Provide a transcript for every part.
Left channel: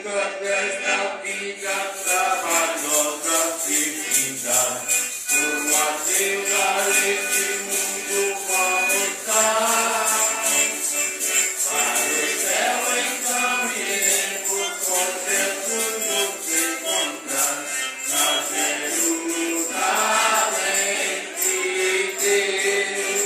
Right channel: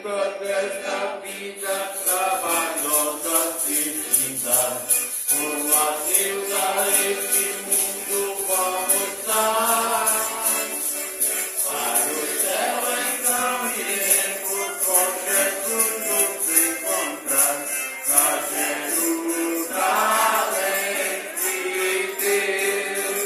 enquanto esta vida trabalhosa se finda, o adeus a este mundo como está. Para o céu então iremos com Jesus nos encontrar, na Jerusalém de Deus.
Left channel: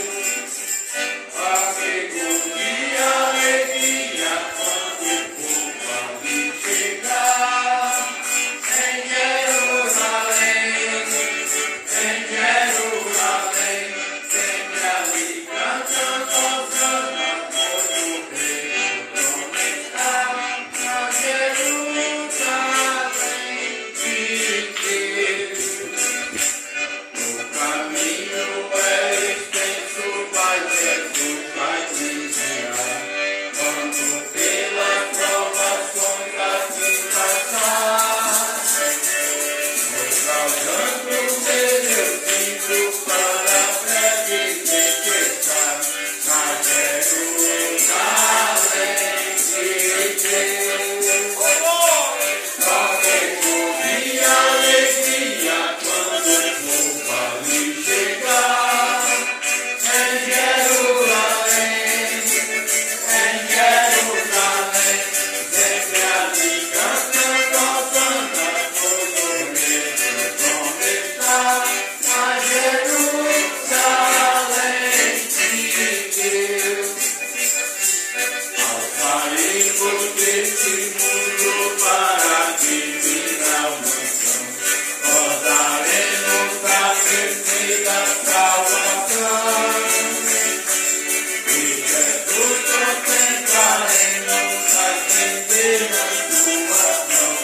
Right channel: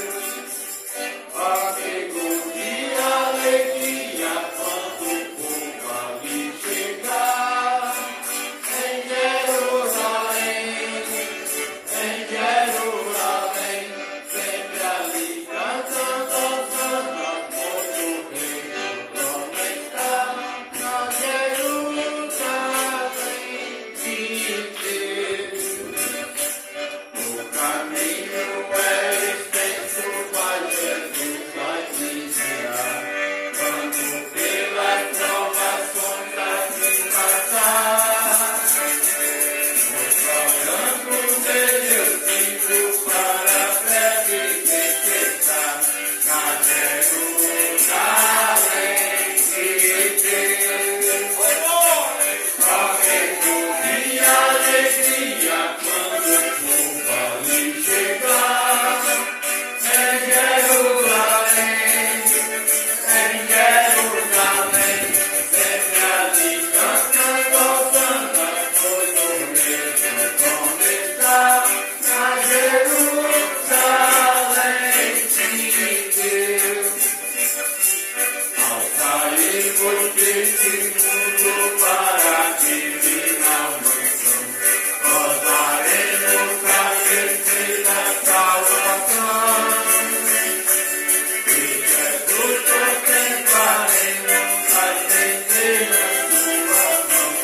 Amigo de alegria quando o povo ali chegar, em Jerusalém, sempre ali cantando Hosana, pois o Rei no trono está, na Jerusalém de Deus. O caminho é extenso, mas Jesus vai te guiar, quando pelas provações assim passar. Olhando nele eu sinto para breve tempestade, na Jerusalém de Deus. Amigo de alegria quando o povo ali chegar, em Jerusalém, sempre ali cantando Hosana, pois o Rei no trono está, na Jerusalém de Deus. Ao sairmos deste mundo para a divina mansão, gozaremos da perfeita salvação. E Jesus contemplaremos as centenas suas mãos,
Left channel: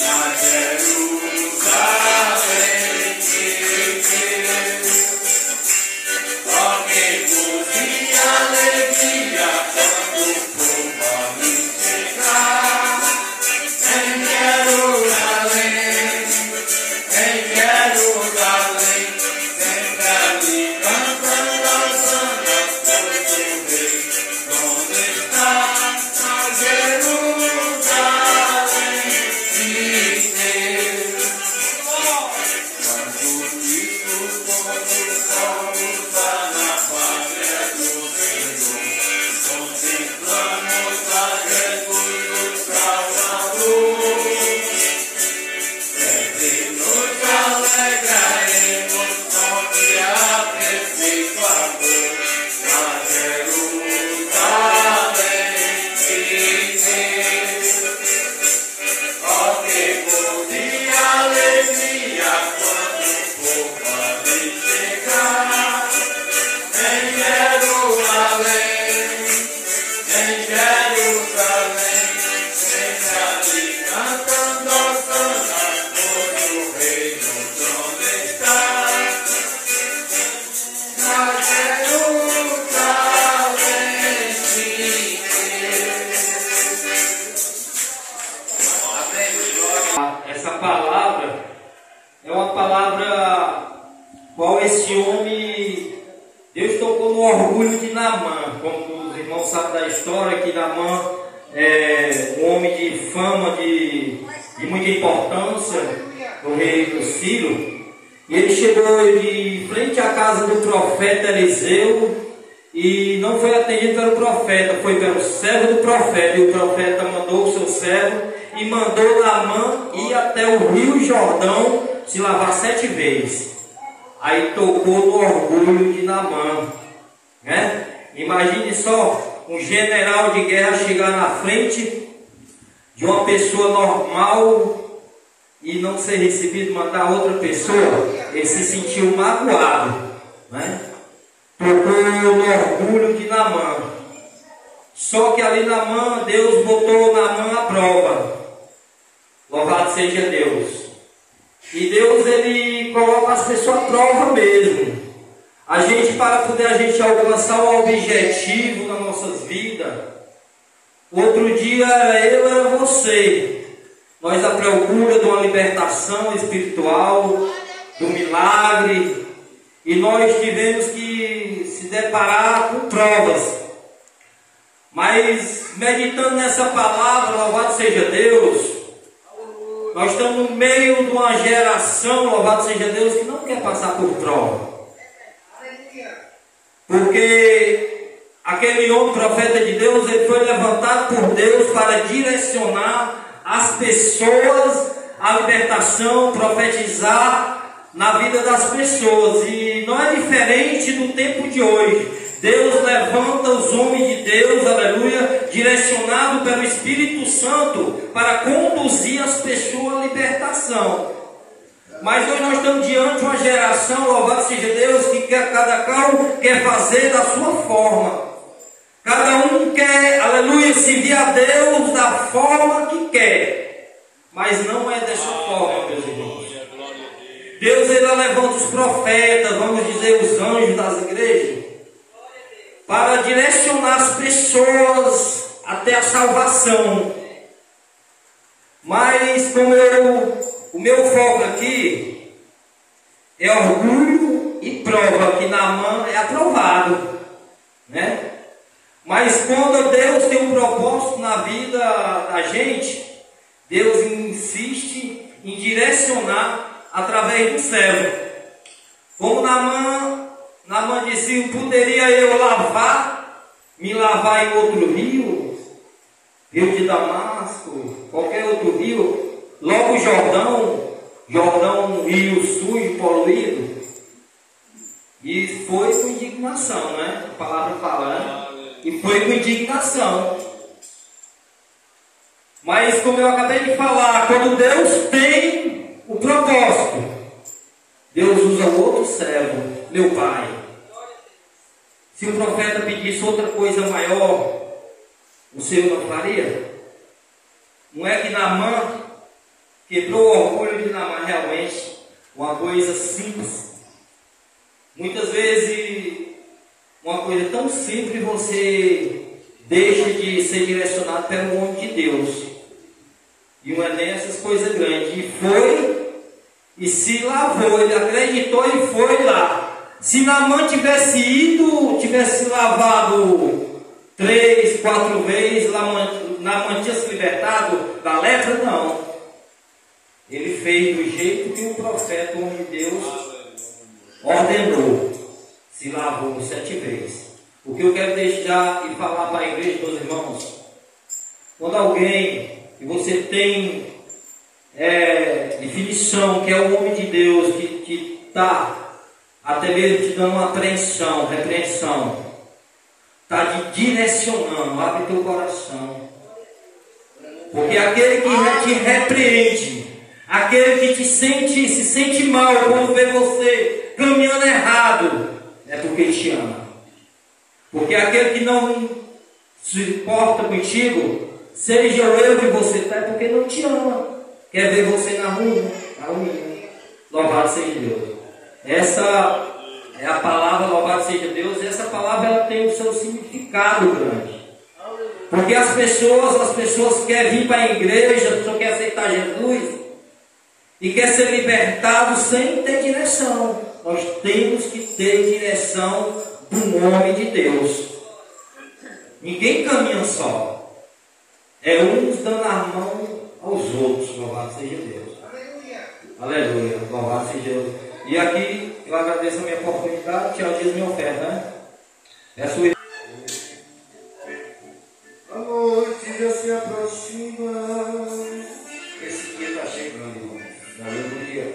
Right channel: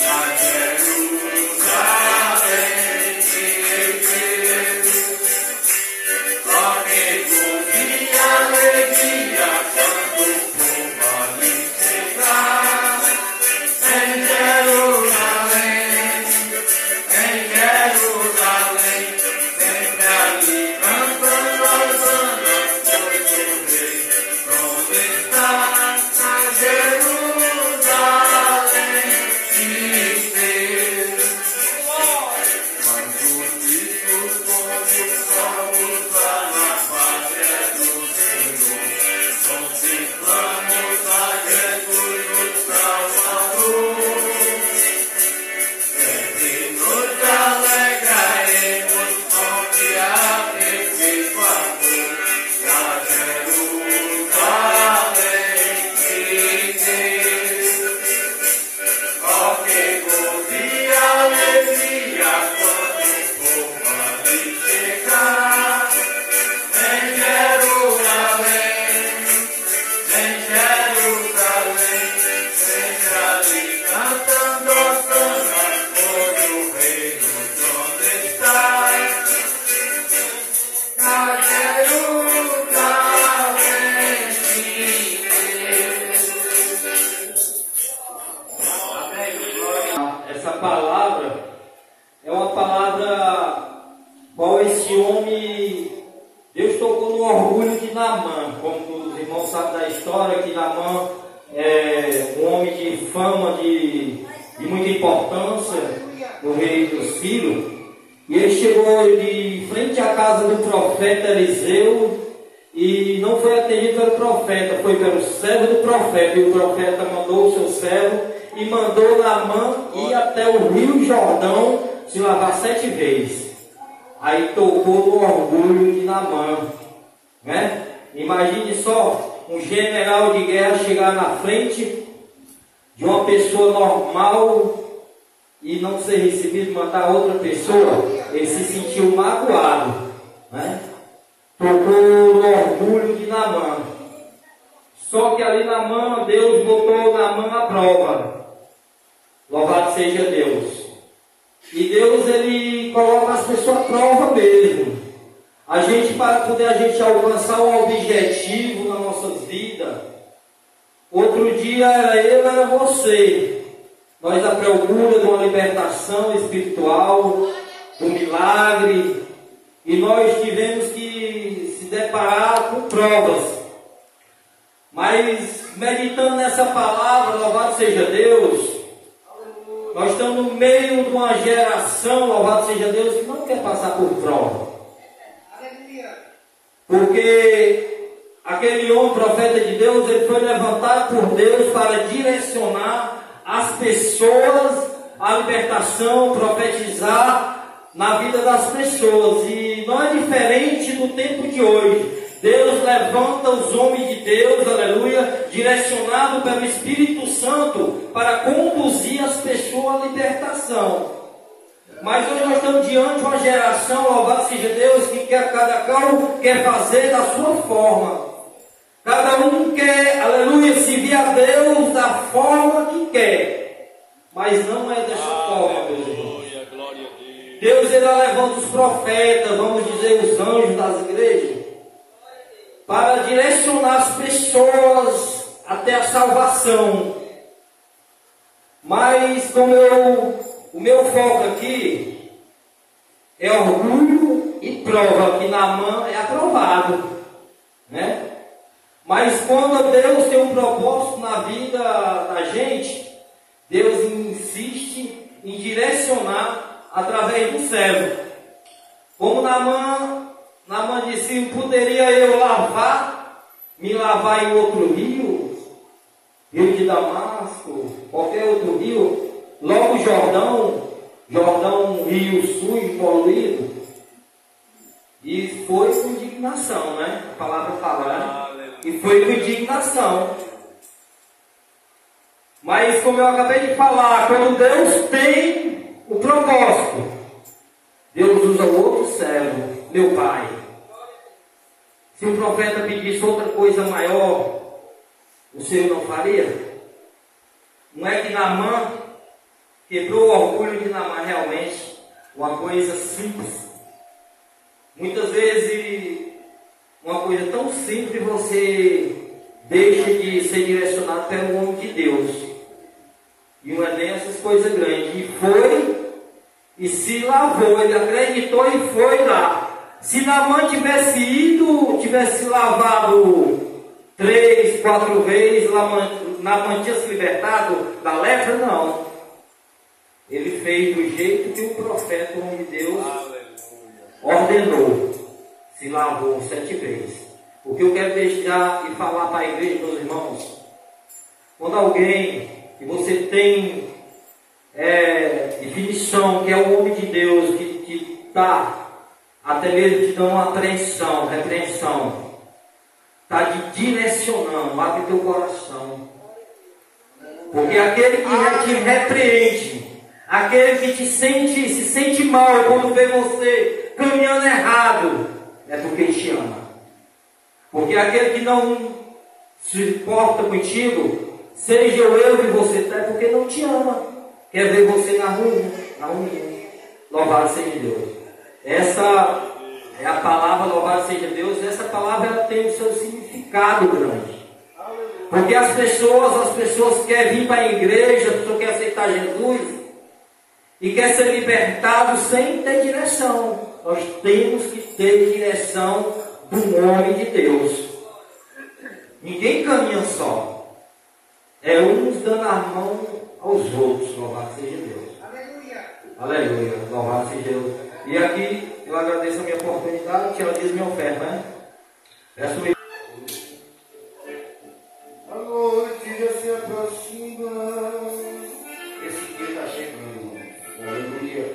na Jerusalém de Deus. Amigo de alegria quando o povo ali chegar, em Jerusalém, sempre ali cantando Hosana, pois o Rei no trono está, na Jerusalém de Deus. Quando unidos como somos na pátria do Senhor, contemplamos a Jesus o Salvador. Sempre nos alegraremos confiar nesse favor, na Jerusalém de Deus. Amigo de alegria quando o povo ali chegar, em Jerusalém, sempre ali cantando Hosana, pois o Rei no trono está, na Jerusalém de Deus. Essa palavra é uma palavra qual esse homem, Deus tocou no orgulho de Naamã. Como os irmãos sabem da história, que Naamã é um homem de fama, de muita importância no rei do Sírio. E ele chegou de frente à casa do profeta Eliseu e não foi atendido pelo profeta, foi pelo servo do profeta. E o profeta mandou o seu servo e mandou Naamã ir até o rio Jordão se lavar 7 vezes. Aí tocou no orgulho de Naamã, né? Imagine só um general de guerra chegar na frente de uma pessoa normal e não ser recebido, mandar outra pessoa. Ele se sentiu magoado, né? Tocou no orgulho de Naamã. Só que ali Naamã, Deus botou Naamã à prova. Louvado seja Deus. E Deus, ele coloca as pessoas à prova mesmo. Para poder a gente alcançar um objetivo nas nossas vidas. Outro dia era eu, era você. Nós à procura de uma libertação espiritual, do milagre. E nós tivemos que se deparar com provas. Mas meditando nessa palavra, louvado seja Deus, nós estamos no meio de uma geração, louvado seja Deus, que não quer passar por prova. Porque aquele homem profeta de Deus, ele foi levantado por Deus para direcionar as pessoas à libertação, profetizar na vida das pessoas. E não é diferente do tempo de hoje. Deus levanta os homens de Deus, aleluia, direcionado pelo Espírito Santo para conduzir as pessoas à libertação. Mas hoje nós estamos diante de uma geração, louvado seja Deus, que cada qual quer fazer da sua forma. Cada um quer, aleluia, servir a Deus da forma que quer. Mas não é dessa forma, meus irmãos. Deus, ele levanta os profetas, vamos dizer, os anjos das igrejas, para direcionar as pessoas até a salvação. Mas o meu foco aqui é orgulho e prova, que Naamã é aprovado, né? Mas quando Deus tem um propósito na vida da gente, Deus insiste em direcionar através do servo. Como Naamã disse, poderia eu me lavar em outro rio, rio de Damasco, qualquer outro rio, logo Jordão, um rio sujo, poluído. E foi com indignação, né? A palavra fala, né? E foi com indignação. Mas como eu acabei de falar, quando Deus tem o propósito, Deus usa o outro servo, meu pai. Se o profeta pedisse outra coisa maior, o Senhor não faria? Não é que Naamã quebrou o orgulho de Naamã, realmente uma coisa simples. Muitas vezes uma coisa tão simples que você deixa de ser direcionado pelo homem de Deus. E não é nem essas coisas grandes. E foi e se lavou, ele acreditou e foi lá. Se Naamã tivesse ido, tivesse lavado 3, 4 vezes, Naamã tinha se libertado da lepra? Não. Ele fez do jeito que o profeta, o homem de Deus, ordenou. Se lavou 7 vezes. O que eu quero deixar e falar para a igreja, meus irmãos, quando alguém que você tem definição que é o homem de Deus, que está até mesmo te dando uma repreensão, está te direcionando, abre teu coração. Porque aquele que te repreende, aquele que se sente mal quando vê você caminhando errado, é porque ele te ama. Porque aquele que não se importa contigo, seja eu que você está, é porque não te ama. Quer ver você na rua. Louvado seja Deus. Essa é a palavra, louvado seja Deus. Essa palavra ela tem o seu significado grande. Porque as pessoas querem vir para a igreja, a pessoa quer aceitar Jesus e quer ser libertado sem ter direção. Nós temos que ter direção do nome de Deus. Ninguém caminha só. É uns dando a mão aos outros. Louvado seja Deus. Aleluia. Louvado seja Deus. E aqui eu agradeço a minha oportunidade. Tchau, diz minha oferta, né? Peço. A noite já se aproxima. Esse dia está chegando, irmão. Aleluia.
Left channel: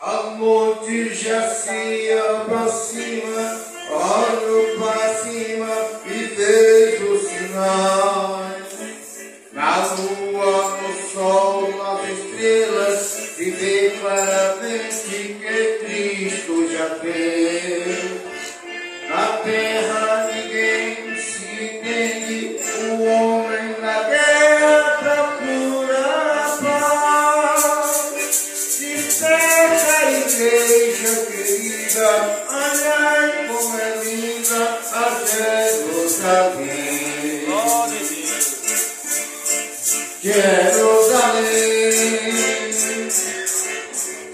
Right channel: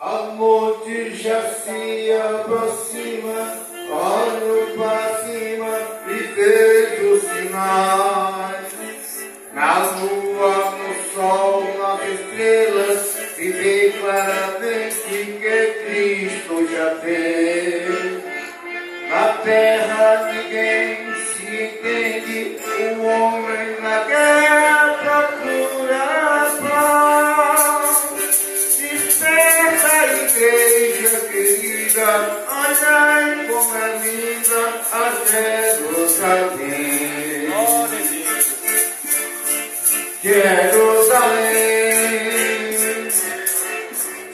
A noite já se aproxima, olho para cima e vejo sinais. Na lua, no sol, nas estrelas, e vê claramente que Cristo já veio. Na terra ninguém se entende, o homem na guerra procura a paz. Desperta, igreja querida, olhai como é linda a Jerusalém. Jerusalém,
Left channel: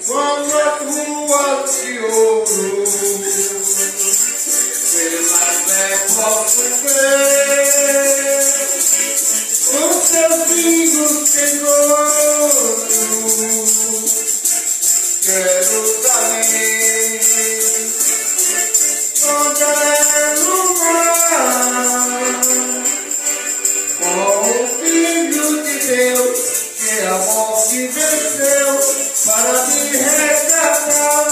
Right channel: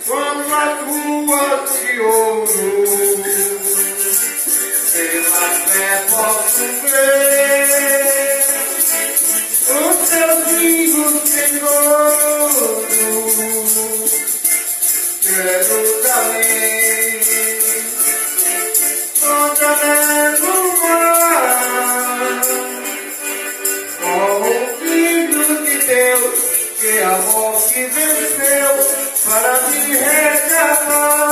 como as ruas de ouro, pelas posso ver os teus filhos, Senhor, Jerusalém, onde é lugar com o Filho de Deus, que amor que venceu para me resgatar.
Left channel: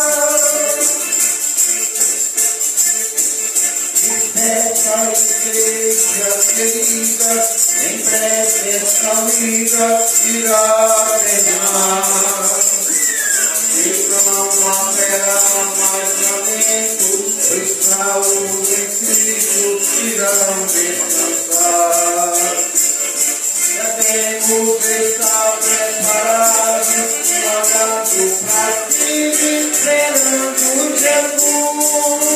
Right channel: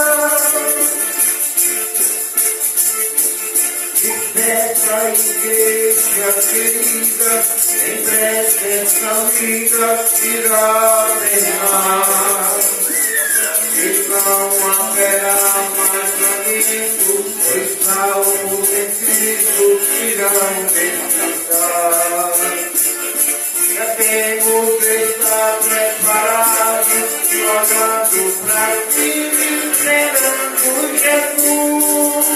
Essa igreja querida, em breve essa vida irá terminar. E não haverá mais lamento, pois salvos em Cristo irão descansar. Já temos estado preparados, olhando para ti, esperando Jesus.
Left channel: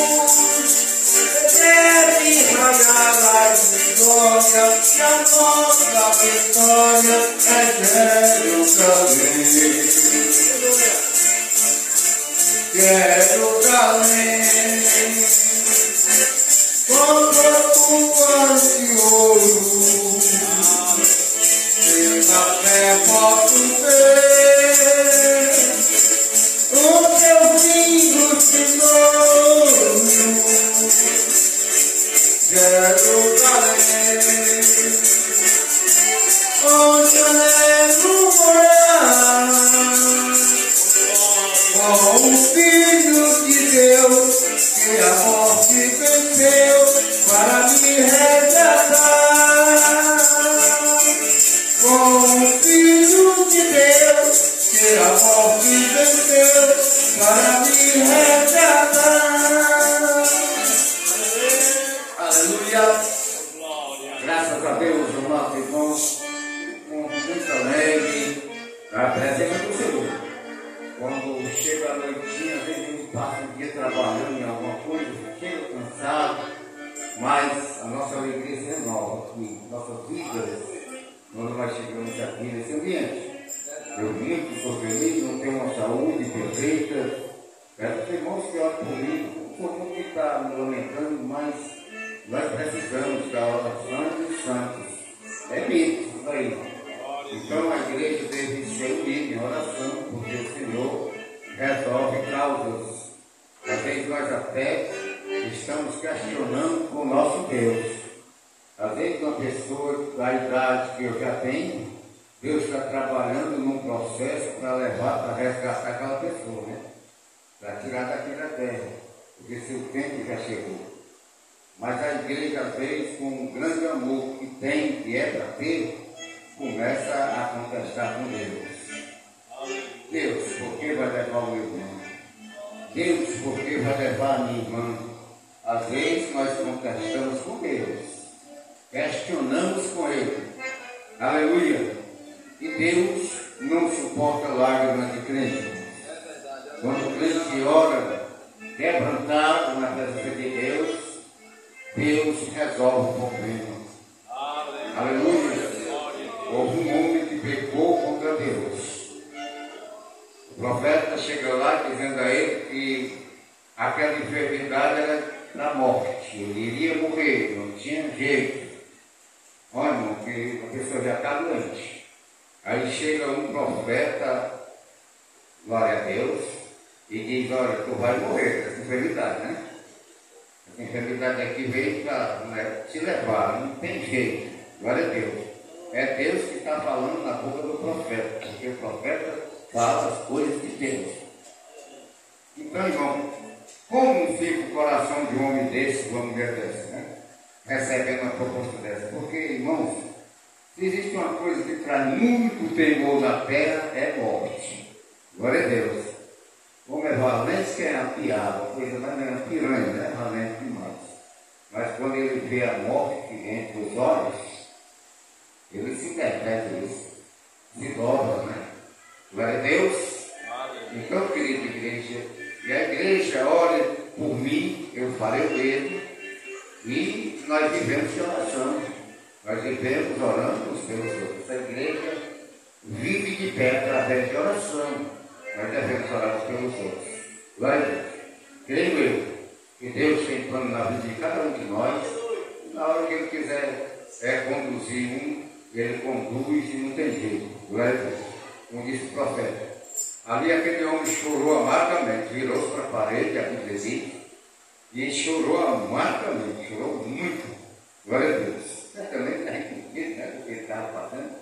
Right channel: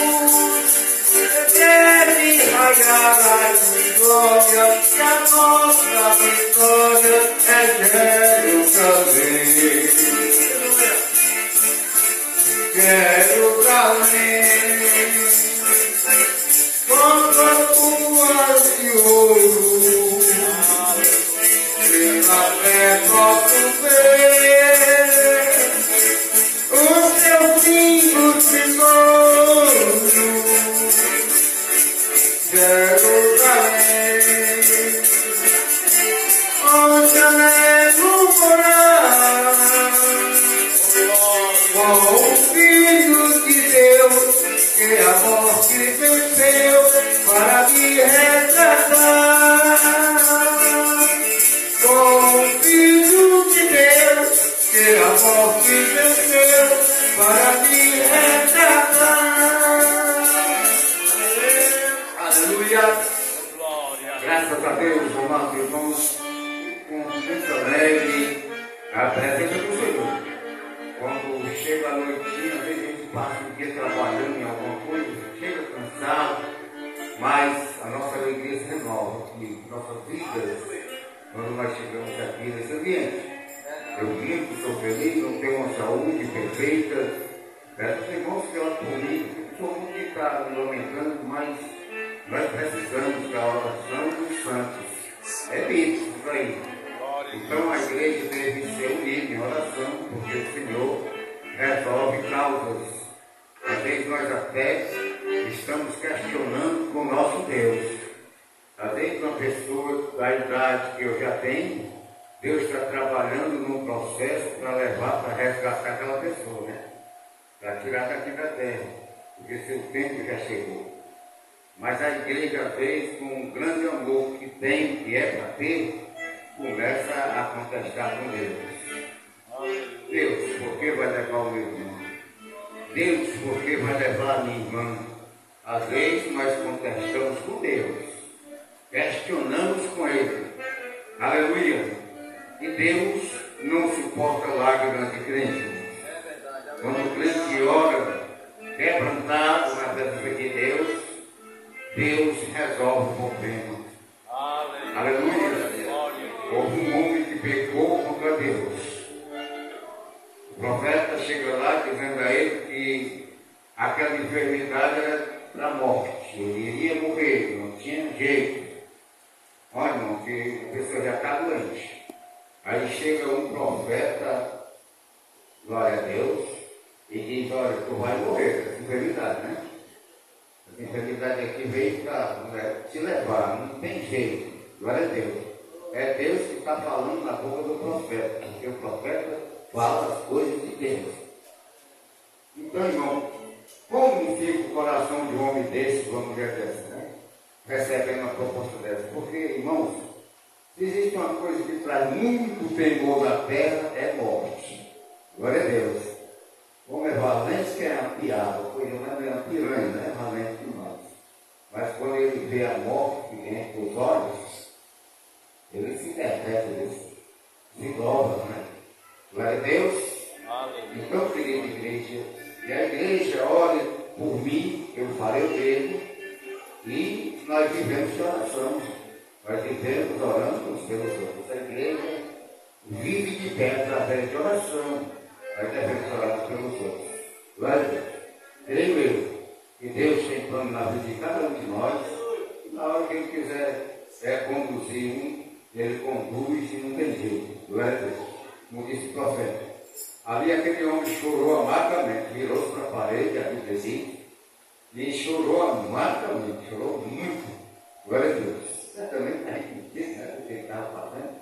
Deve raiar a glória, que a nossa vitória é Jerusalém. Jerusalém, contra tuas de ouro, pela fé posso ver o teu lindo tesouro. Jerusalém, onde anelo morar, com o Filho de Deus, que a morte venceu para me resgatar. Com o Filho de Deus, que a morte venceu para me resgatar. Aleluia. Graças a Deus, amados irmãos, com muito alegre a presença do Senhor. Quando chega a noitinha, às vezes a gente passa o dia trabalhando em alguma coisa, chega cansado, mas a nossa alegria se renova, que nossas vidas, quando nós chegamos aqui nesse ambiente, eu vivo, sou feliz, não tenho uma saúde perfeita. Peço aos irmãos que olhem por mim, não sou muito que está me lamentando, mas nós precisamos da oração dos santos. É bíblico isso aí. Então a igreja deve ser unida em oração, porque o Senhor resolve causas. Às vezes nós até estamos questionando com o nosso Deus. Às vezes uma pessoa da idade que eu já tenho, Deus está trabalhando num processo para levar, para resgatar aquela pessoa, né? Para tirar daqui da terra, porque seu tempo já chegou. Mas a igreja, às vezes, com um grande amor que tem, que é para ter, começa a contestar com Deus. Deus, por que vai levar o meu irmão? Deus, por que vai levar a minha irmã? Às vezes nós contestamos com Deus, questionamos com Ele. Aleluia! E Deus não suporta lágrimas de crente. Quando o crente ora, quebrantado na presença de Deus, Deus resolve o problema. Aleluia! Houve um homem que pecou contra Deus. O profeta chega lá dizendo a ele que aquela enfermidade era da morte. Ele iria morrer, não tinha jeito. Olha, irmão, que a pessoa já está doente. Aí chega um profeta, glória a Deus, e diz: olha, tu vai morrer dessa enfermidade, né? Essa enfermidade aqui veio para te levar, não tem jeito. Glória a Deus. É Deus que está falando na boca do profeta, porque o profeta fala as coisas de Deus. Então, irmão, como fica o coração de um homem desse, de uma mulher dessa, né? Recebendo uma proposta dessa? Porque, irmãos, se existe uma coisa que traz muito temor na terra, é morte. Glória a Deus. Como é valente que é a piada, coisa mais é uma piranha, né? Valente demais. Mas quando ele vê a morte entre os olhos, ele se interpreta, ele se dobra, né? Glória a Deus. Então, querida igreja, e a igreja ore por mim, eu farei o dedo, e nós vivemos de oração. Nós vivemos orando uns pelos outros. A igreja vive de pé através de oração. Nós devemos orar uns pelos outros. Glória a Deus. Creio eu que Deus tem plano na vida de cada um de nós, que ele quiser conduzir ele conduz e não tem jeito. Glória a Deus. Como disse o profeta. Ali aquele homem chorou amargamente, virou-se para a parede, a Bíblia diz, e chorou amargamente, chorou muito. Glória a Deus. Certamente está entendido, né, do que ele estava passando.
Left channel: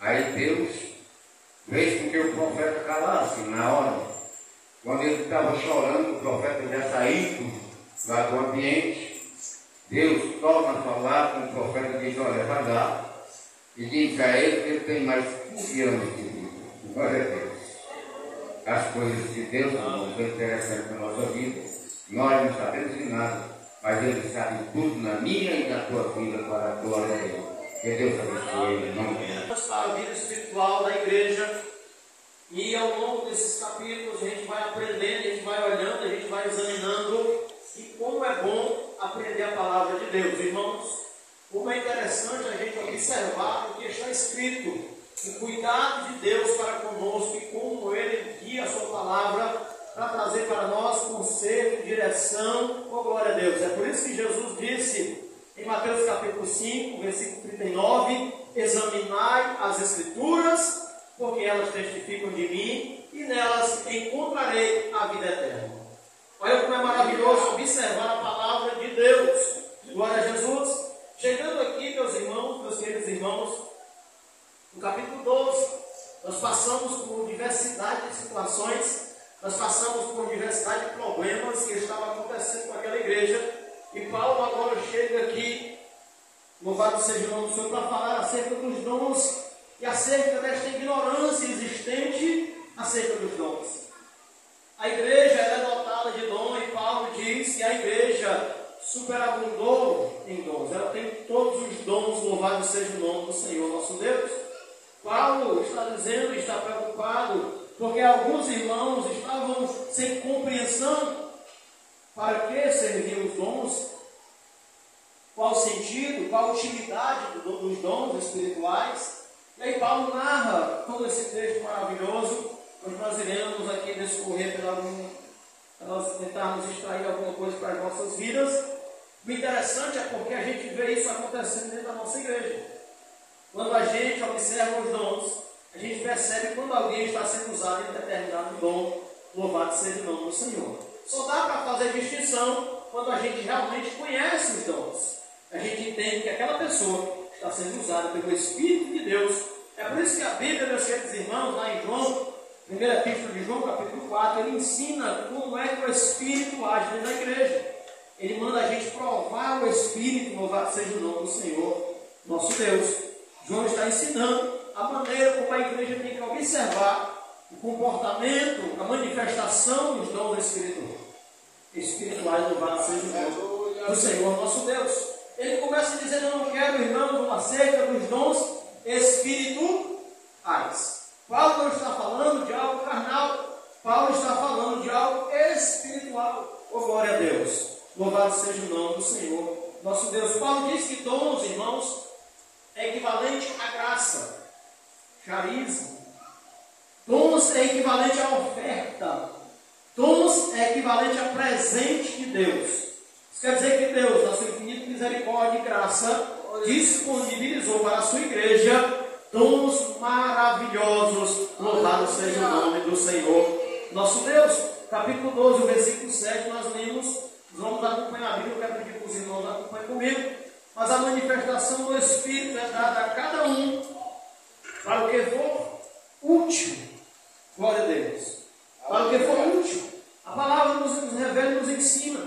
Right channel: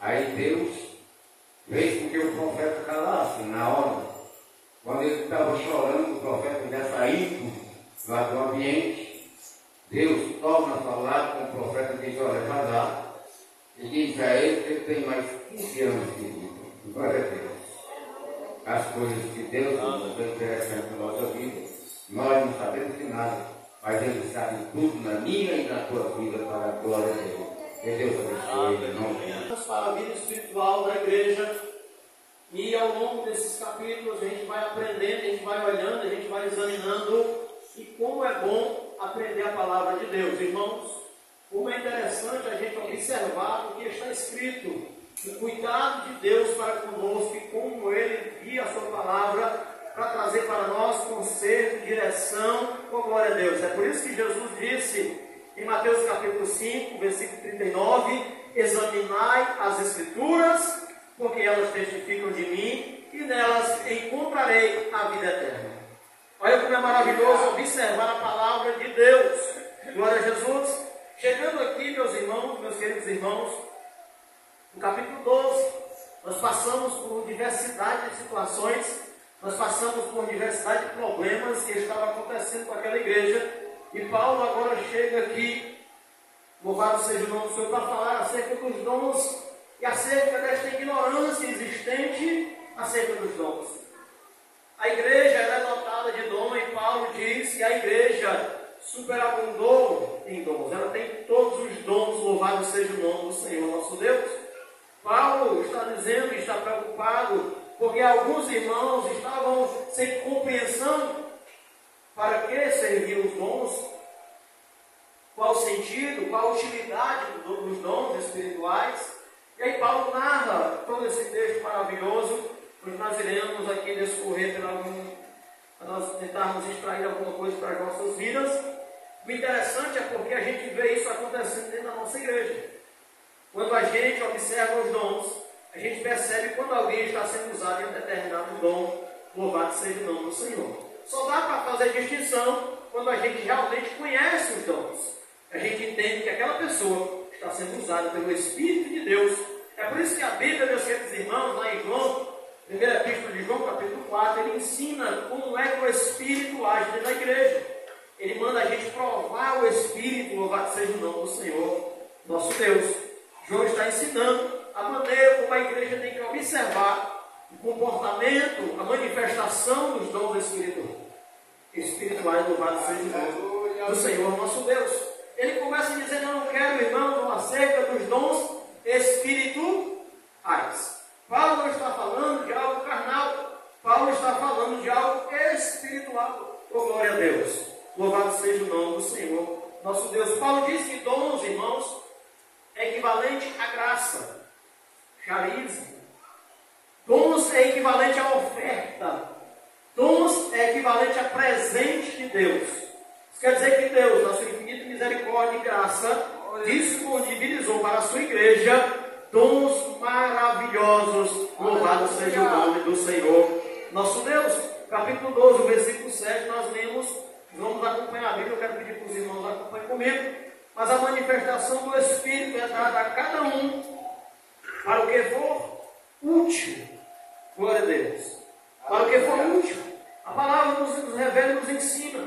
Aí Deus fez com que o profeta calasse na hora. Quando ele estava chorando, o profeta já saindo lá do ambiente, Deus torna a falar com o profeta e diz, olha, vai lá, e diz a ele que ele tem mais 15 anos de vida. Glória a Deus. As coisas de Deus não são interessantes na nossa vida. Nós não sabemos de nada, mas Ele sabe tudo na minha e na tua vida para a glória dele. Que Deus abençoe ele, não tem. Para a vida espiritual da igreja, e ao longo desses capítulos a gente vai aprendendo, a gente vai olhando, a gente vai examinando, e como é bom aprender a palavra de Deus, irmãos. Como é interessante a gente observar o que está escrito, o cuidado de Deus para conosco e como Ele envia a sua palavra para trazer para nós conserto, direção, glória a Deus. É por isso que Jesus disse em Mateus capítulo 5, versículo 39, examinai as Escrituras, porque elas testificam de mim e nelas encontrarei a vida eterna. Olha como é maravilhoso observar a palavra de Deus. Glória a Jesus. Chegando aqui, meus irmãos, meus queridos irmãos, no capítulo 12, nós passamos por diversidade de situações, nós passamos por diversidade de problemas que estavam acontecendo com aquela igreja, e Paulo agora chega aqui, louvado seja o nome do Senhor, para falar acerca dos dons e acerca desta ignorância existente acerca dos dons. A igreja era dotada de dom, e Paulo diz que a igreja superabundou em dons, ela tem todos os dons, louvado seja o nome do Senhor nosso Deus. Paulo está dizendo, está preocupado, porque alguns irmãos estavam sem compreensão para que serviam os dons, qual o sentido, qual a utilidade dos dons espirituais. E aí Paulo narra todo esse texto maravilhoso. Hoje nós iremos aqui discorrer para nós tentarmos extrair alguma coisa para as nossas vidas. O interessante é porque a gente vê isso acontecendo dentro da nossa igreja. Quando a gente observa os dons, a gente percebe quando alguém está sendo usado em determinado dom, louvado seja o nome do Senhor. Só dá para fazer distinção quando a gente realmente conhece os dons. A gente entende que aquela pessoa está sendo usada pelo Espírito de Deus. É por isso que a Bíblia, meus queridos irmãos, lá em João, primeira epístola de João, capítulo 4, ele ensina como é que o Espírito age dentro da igreja. Ele manda a gente provar o Espírito, louvado seja o nome do Senhor, nosso Deus. João está ensinando a maneira como a igreja tem que observar o comportamento, a manifestação dos dons espirituais, louvado seja o nome do Senhor nosso Deus. Ele começa dizendo, eu não quero, irmão, acerca dos dons espirituais. Paulo não está falando de algo carnal, Paulo está falando de algo espiritual. Oh, glória a Deus, louvado seja o nome do Senhor nosso Deus. Paulo diz que dons, irmãos, é equivalente à graça, charisma. Dons é equivalente à oferta. Dons é equivalente a presente de Deus. Isso quer dizer que Deus, na sua infinita misericórdia e graça, disponibilizou para a sua igreja dons maravilhosos. Louvado seja o nome do Senhor nosso Deus. Capítulo 12, versículo 7, nós lemos. Vamos acompanhar a Bíblia, eu quero pedir para os irmãos acompanhem comigo. Mas a manifestação do Espírito é dada a cada um para o que for útil. Glória a Deus. Para o que for útil. A palavra nos revela e nos ensina.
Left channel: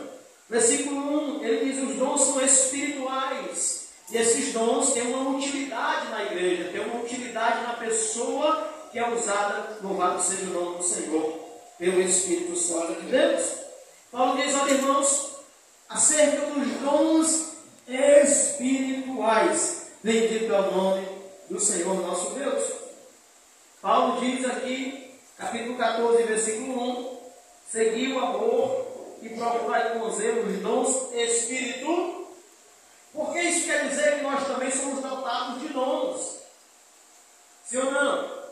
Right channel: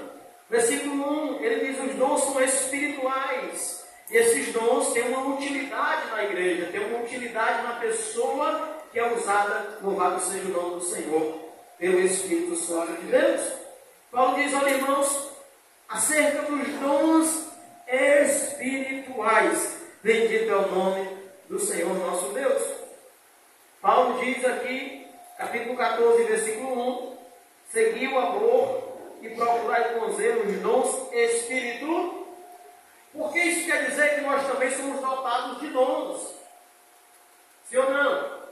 Versículo 1, ele diz: os dons são espirituais. E esses dons têm uma utilidade na igreja, têm uma utilidade na pessoa que é usada, louvado seja o nome do Senhor, pelo Espírito Santo de Deus. Paulo diz, olha, irmãos, acerca dos dons espirituais, bendito é o nome do Senhor nosso Deus. Paulo diz aqui, capítulo 14, versículo 1, segui o amor e procurai com zelo os dons espirituais. Porque isso quer dizer que nós também somos dotados de dons. Sim ou não?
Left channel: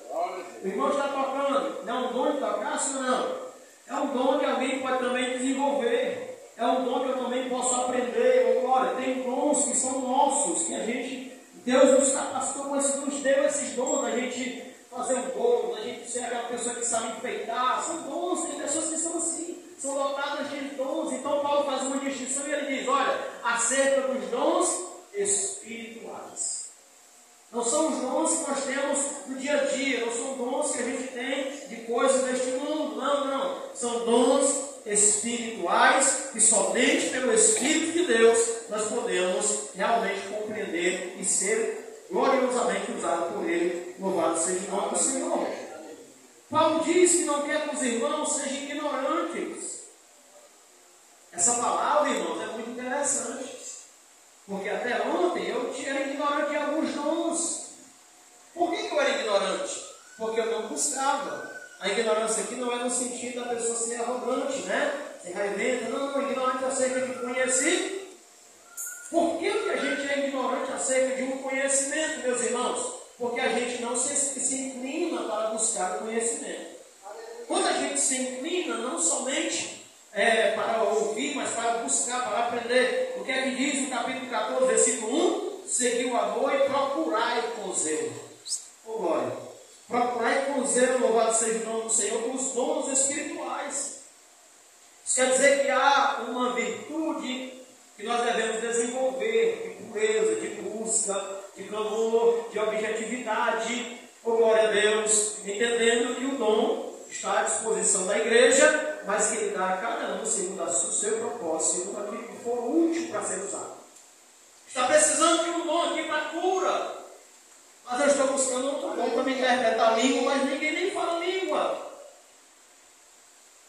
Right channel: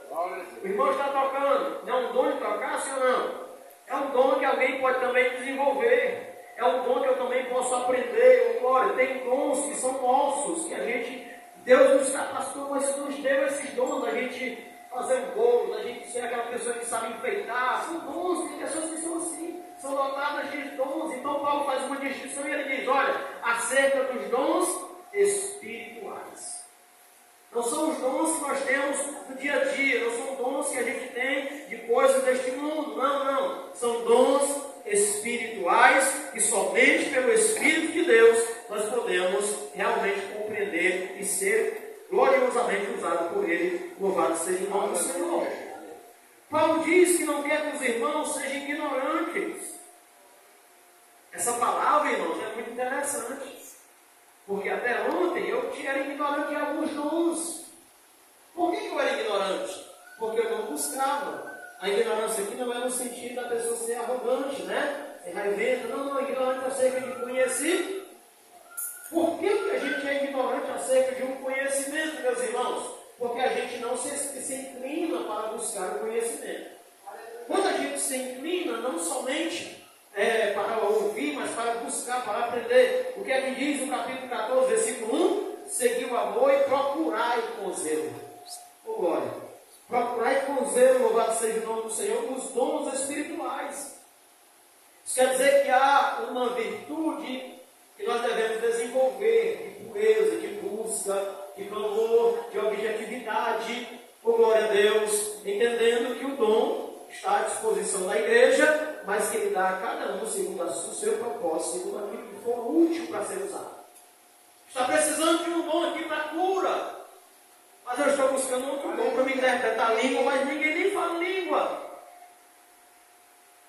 O irmão está tocando, não é um dom de tocar, sim ou não? É um dom que alguém pode também desenvolver. É um dom que eu também posso aprender. Glória, tem dons que são Deus nos capacitou, mas nos deu esses dons da gente fazer um bolo, da gente ser aquela pessoa que sabe enfeitar. São dons, tem pessoas que são assim, são dotadas de dons. Então Paulo faz uma distinção e ele diz, olha, acerca dos dons espirituais. Não são os dons que nós temos no dia a dia, não são dons que a gente tem de coisas deste mundo, não. São dons espirituais que somente pelo Espírito de Deus nós podemos realmente compreender e ser gloriosamente usado por Ele. Louvado seja o nome do Senhor. Paulo diz que não quer que os irmãos sejam ignorantes. Essa palavra, irmãos, é muito interessante. Porque até ontem eu era ignorante de alguns dons. Por que eu era ignorante? Porque eu não buscava. A ignorância aqui não é no sentido da pessoa ser arrogante, né? Ser raiventa. Não, ignorante acerca de conhecimento. Por que a gente é ignorante acerca de um conhecimento, meus irmãos? Porque a gente não se inclina para buscar o conhecimento. Quando a gente se inclina, não somente para ouvir, mas para buscar, para aprender. O que é que diz no capítulo 14, versículo 1? Segui o amor e procurai com zelo. Oh, glória. Procurai com zelo, louvado seja o nome do Senhor, os dons espirituais. Isso quer dizer que há uma virtude que nós devemos desenvolver, de pureza, de busca, de clamor, de objetividade. Oh, glória a Deus. Entendendo que o dom está à disposição da igreja, mas que Ele dá a cada um segundo o seu propósito, segundo aquilo que for útil para ser usado. Está precisando de um dom aqui para cura, mas eu estou buscando outro dom para me interpretar a língua, mas ninguém nem fala língua.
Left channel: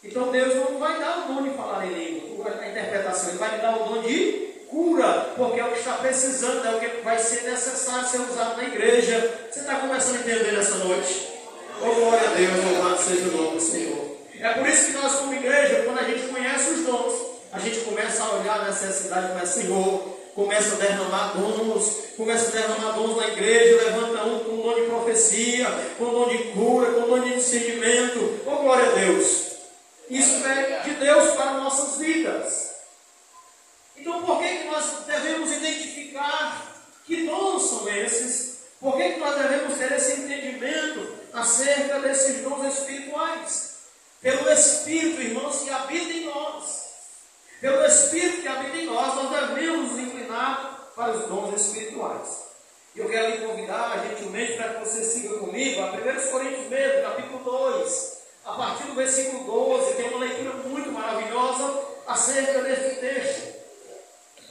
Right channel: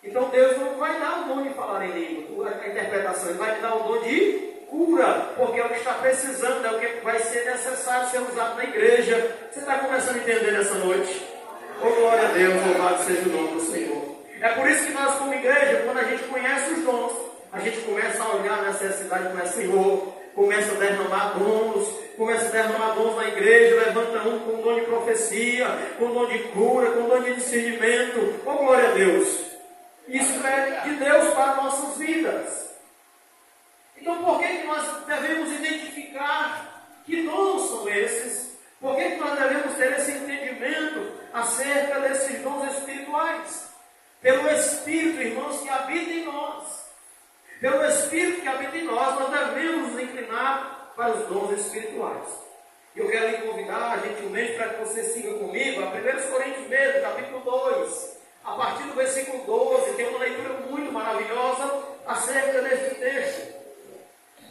Então Deus não vai dar o dom de falar em língua, a interpretação, Ele vai me dar o dom de cura, porque é o que está precisando, é o que vai ser necessário ser usado na igreja. Você está começando a entender nessa noite? Oh, glória a Deus, louvado seja o nome do Senhor. É por isso que nós, como igreja, quando a gente conhece os dons, a gente começa a olhar a necessidade do Senhor, começa a derramar dons na igreja, levanta um com o dom de profecia, com o dom de cura, com o dom de discernimento. Oh, glória a Deus! Isso é de Deus para nossas vidas. Então, por que nós devemos identificar que dons são esses? Por que nós devemos ter esse entendimento acerca desses dons espirituais? Pelo Espírito, irmãos, que habita em nós. Pelo Espírito que habita em nós, nós devemos nos inclinar para os dons espirituais. Eu quero lhe convidar, gentilmente, para que você siga comigo a 1 Coríntios mesmo, capítulo 2. A partir do versículo 12, tem uma leitura muito maravilhosa acerca desse texto.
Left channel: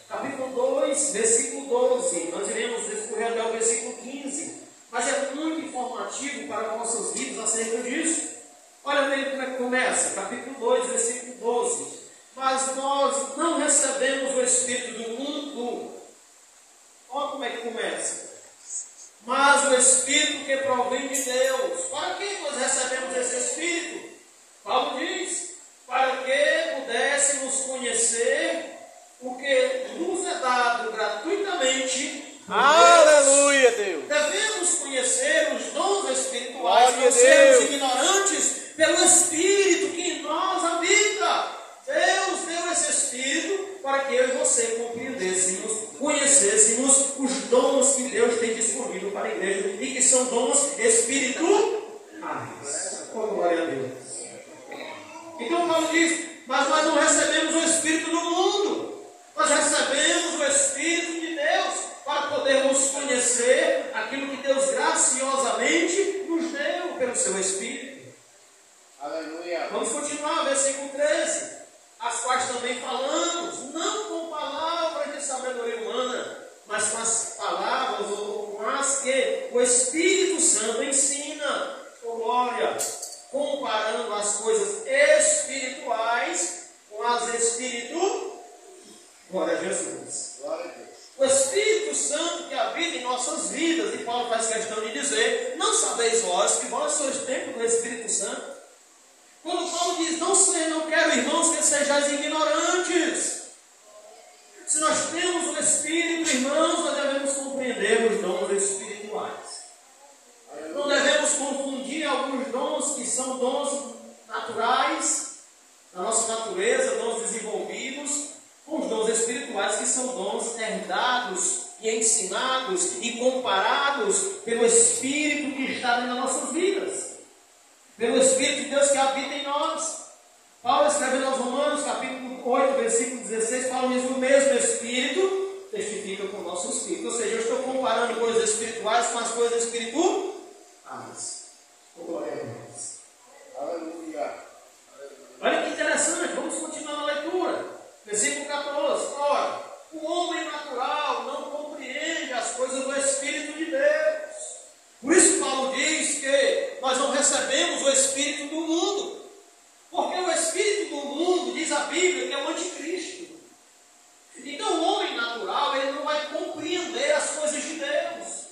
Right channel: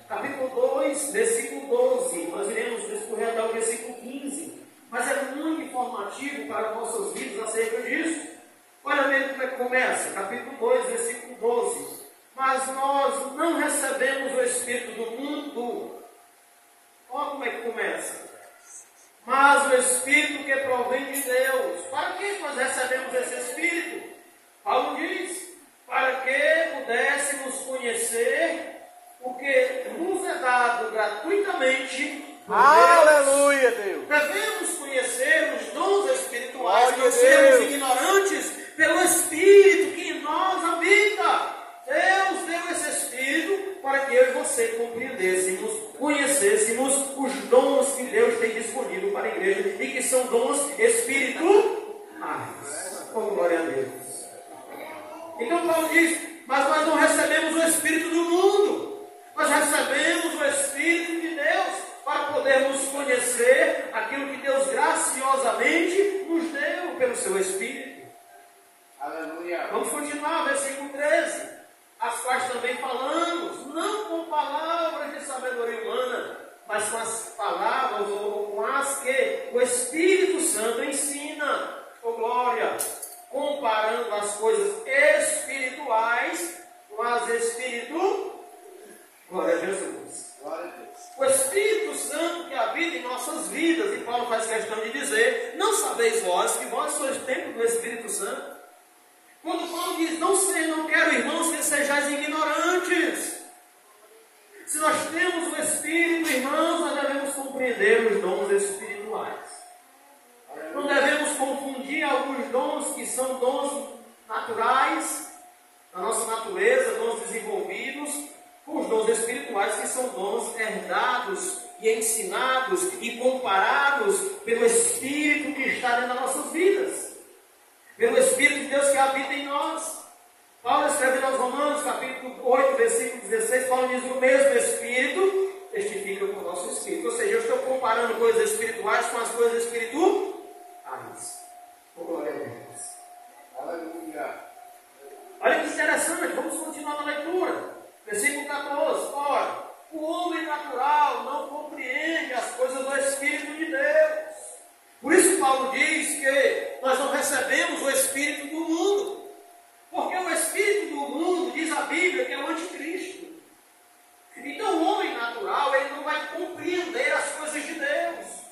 Capítulo 2, versículo 12. Nós iremos discorrer até o versículo 15. Mas é muito informativo para nossas vidas acerca disso. Olha mesmo como é que começa. Capítulo 2, versículo 12. Mas nós não recebemos o Espírito do mundo. Olha como é que começa. Mas o Espírito que provém de Deus. Para que nós recebemos esse Espírito? Paulo diz, para que pudéssemos conhecer o que nos é dado gratuitamente por Aleluia, Deus. Deus. Devemos conhecer os dons espirituais, não sermos ignorantes pelo Espírito que em nós habita. Deus deu esse Espírito para que eu e você compreendêssemos, conhecêssemos os dons que Deus tem disponível para a igreja e que são dons espirituais. Oh, glória a Deus. Então Paulo diz, mas nós não recebemos o Espírito do mundo, nós recebemos o Espírito de Deus para podermos conhecer aquilo que Deus graciosamente nos deu pelo seu Espírito. Aleluia. Vamos continuar, versículo 13. As quais também falamos, não com palavras de sabedoria humana, mas com as palavras ou com as que o Espírito Santo ensina. Oh, glória! Comparando as coisas espirituais com as espirituais. Glória a Jesus. Glória a Deus. O Espírito Santo que habita em nossas vidas, e Paulo faz questão de dizer, não sabeis vós que vós sois templo do Espírito Santo? Quando Paulo diz, não quero, irmãos, que sejais ignorantes. Se nós temos o Espírito, irmãos, nós devemos compreender os dons espirituais. Não devemos confundir alguns dons que são dons naturais, da nossa natureza, dons desenvolvidos, com os dons espirituais, que são dons herdados e ensinados e comparados pelo Espírito que está dentro das nossas vidas, pelo Espírito de Deus que habita em nós. Paulo escreve aos Romanos, capítulo 8, versículo 16, Paulo diz: o mesmo Espírito testifica com o nosso Espírito. Ou seja, eu estou comparando coisas espirituais com as coisas espirituais. Glória a Deus. Aleluia. Olha que interessante, vamos continuar na leitura. Versículo 14. Ora, o homem natural não compreende as coisas do Espírito de Deus. Por isso Paulo diz que nós não recebemos o Espírito do mundo. Porque o Espírito do mundo, diz a Bíblia, que é o anticristo. Então o homem natural, ele não vai compreender as coisas de Deus.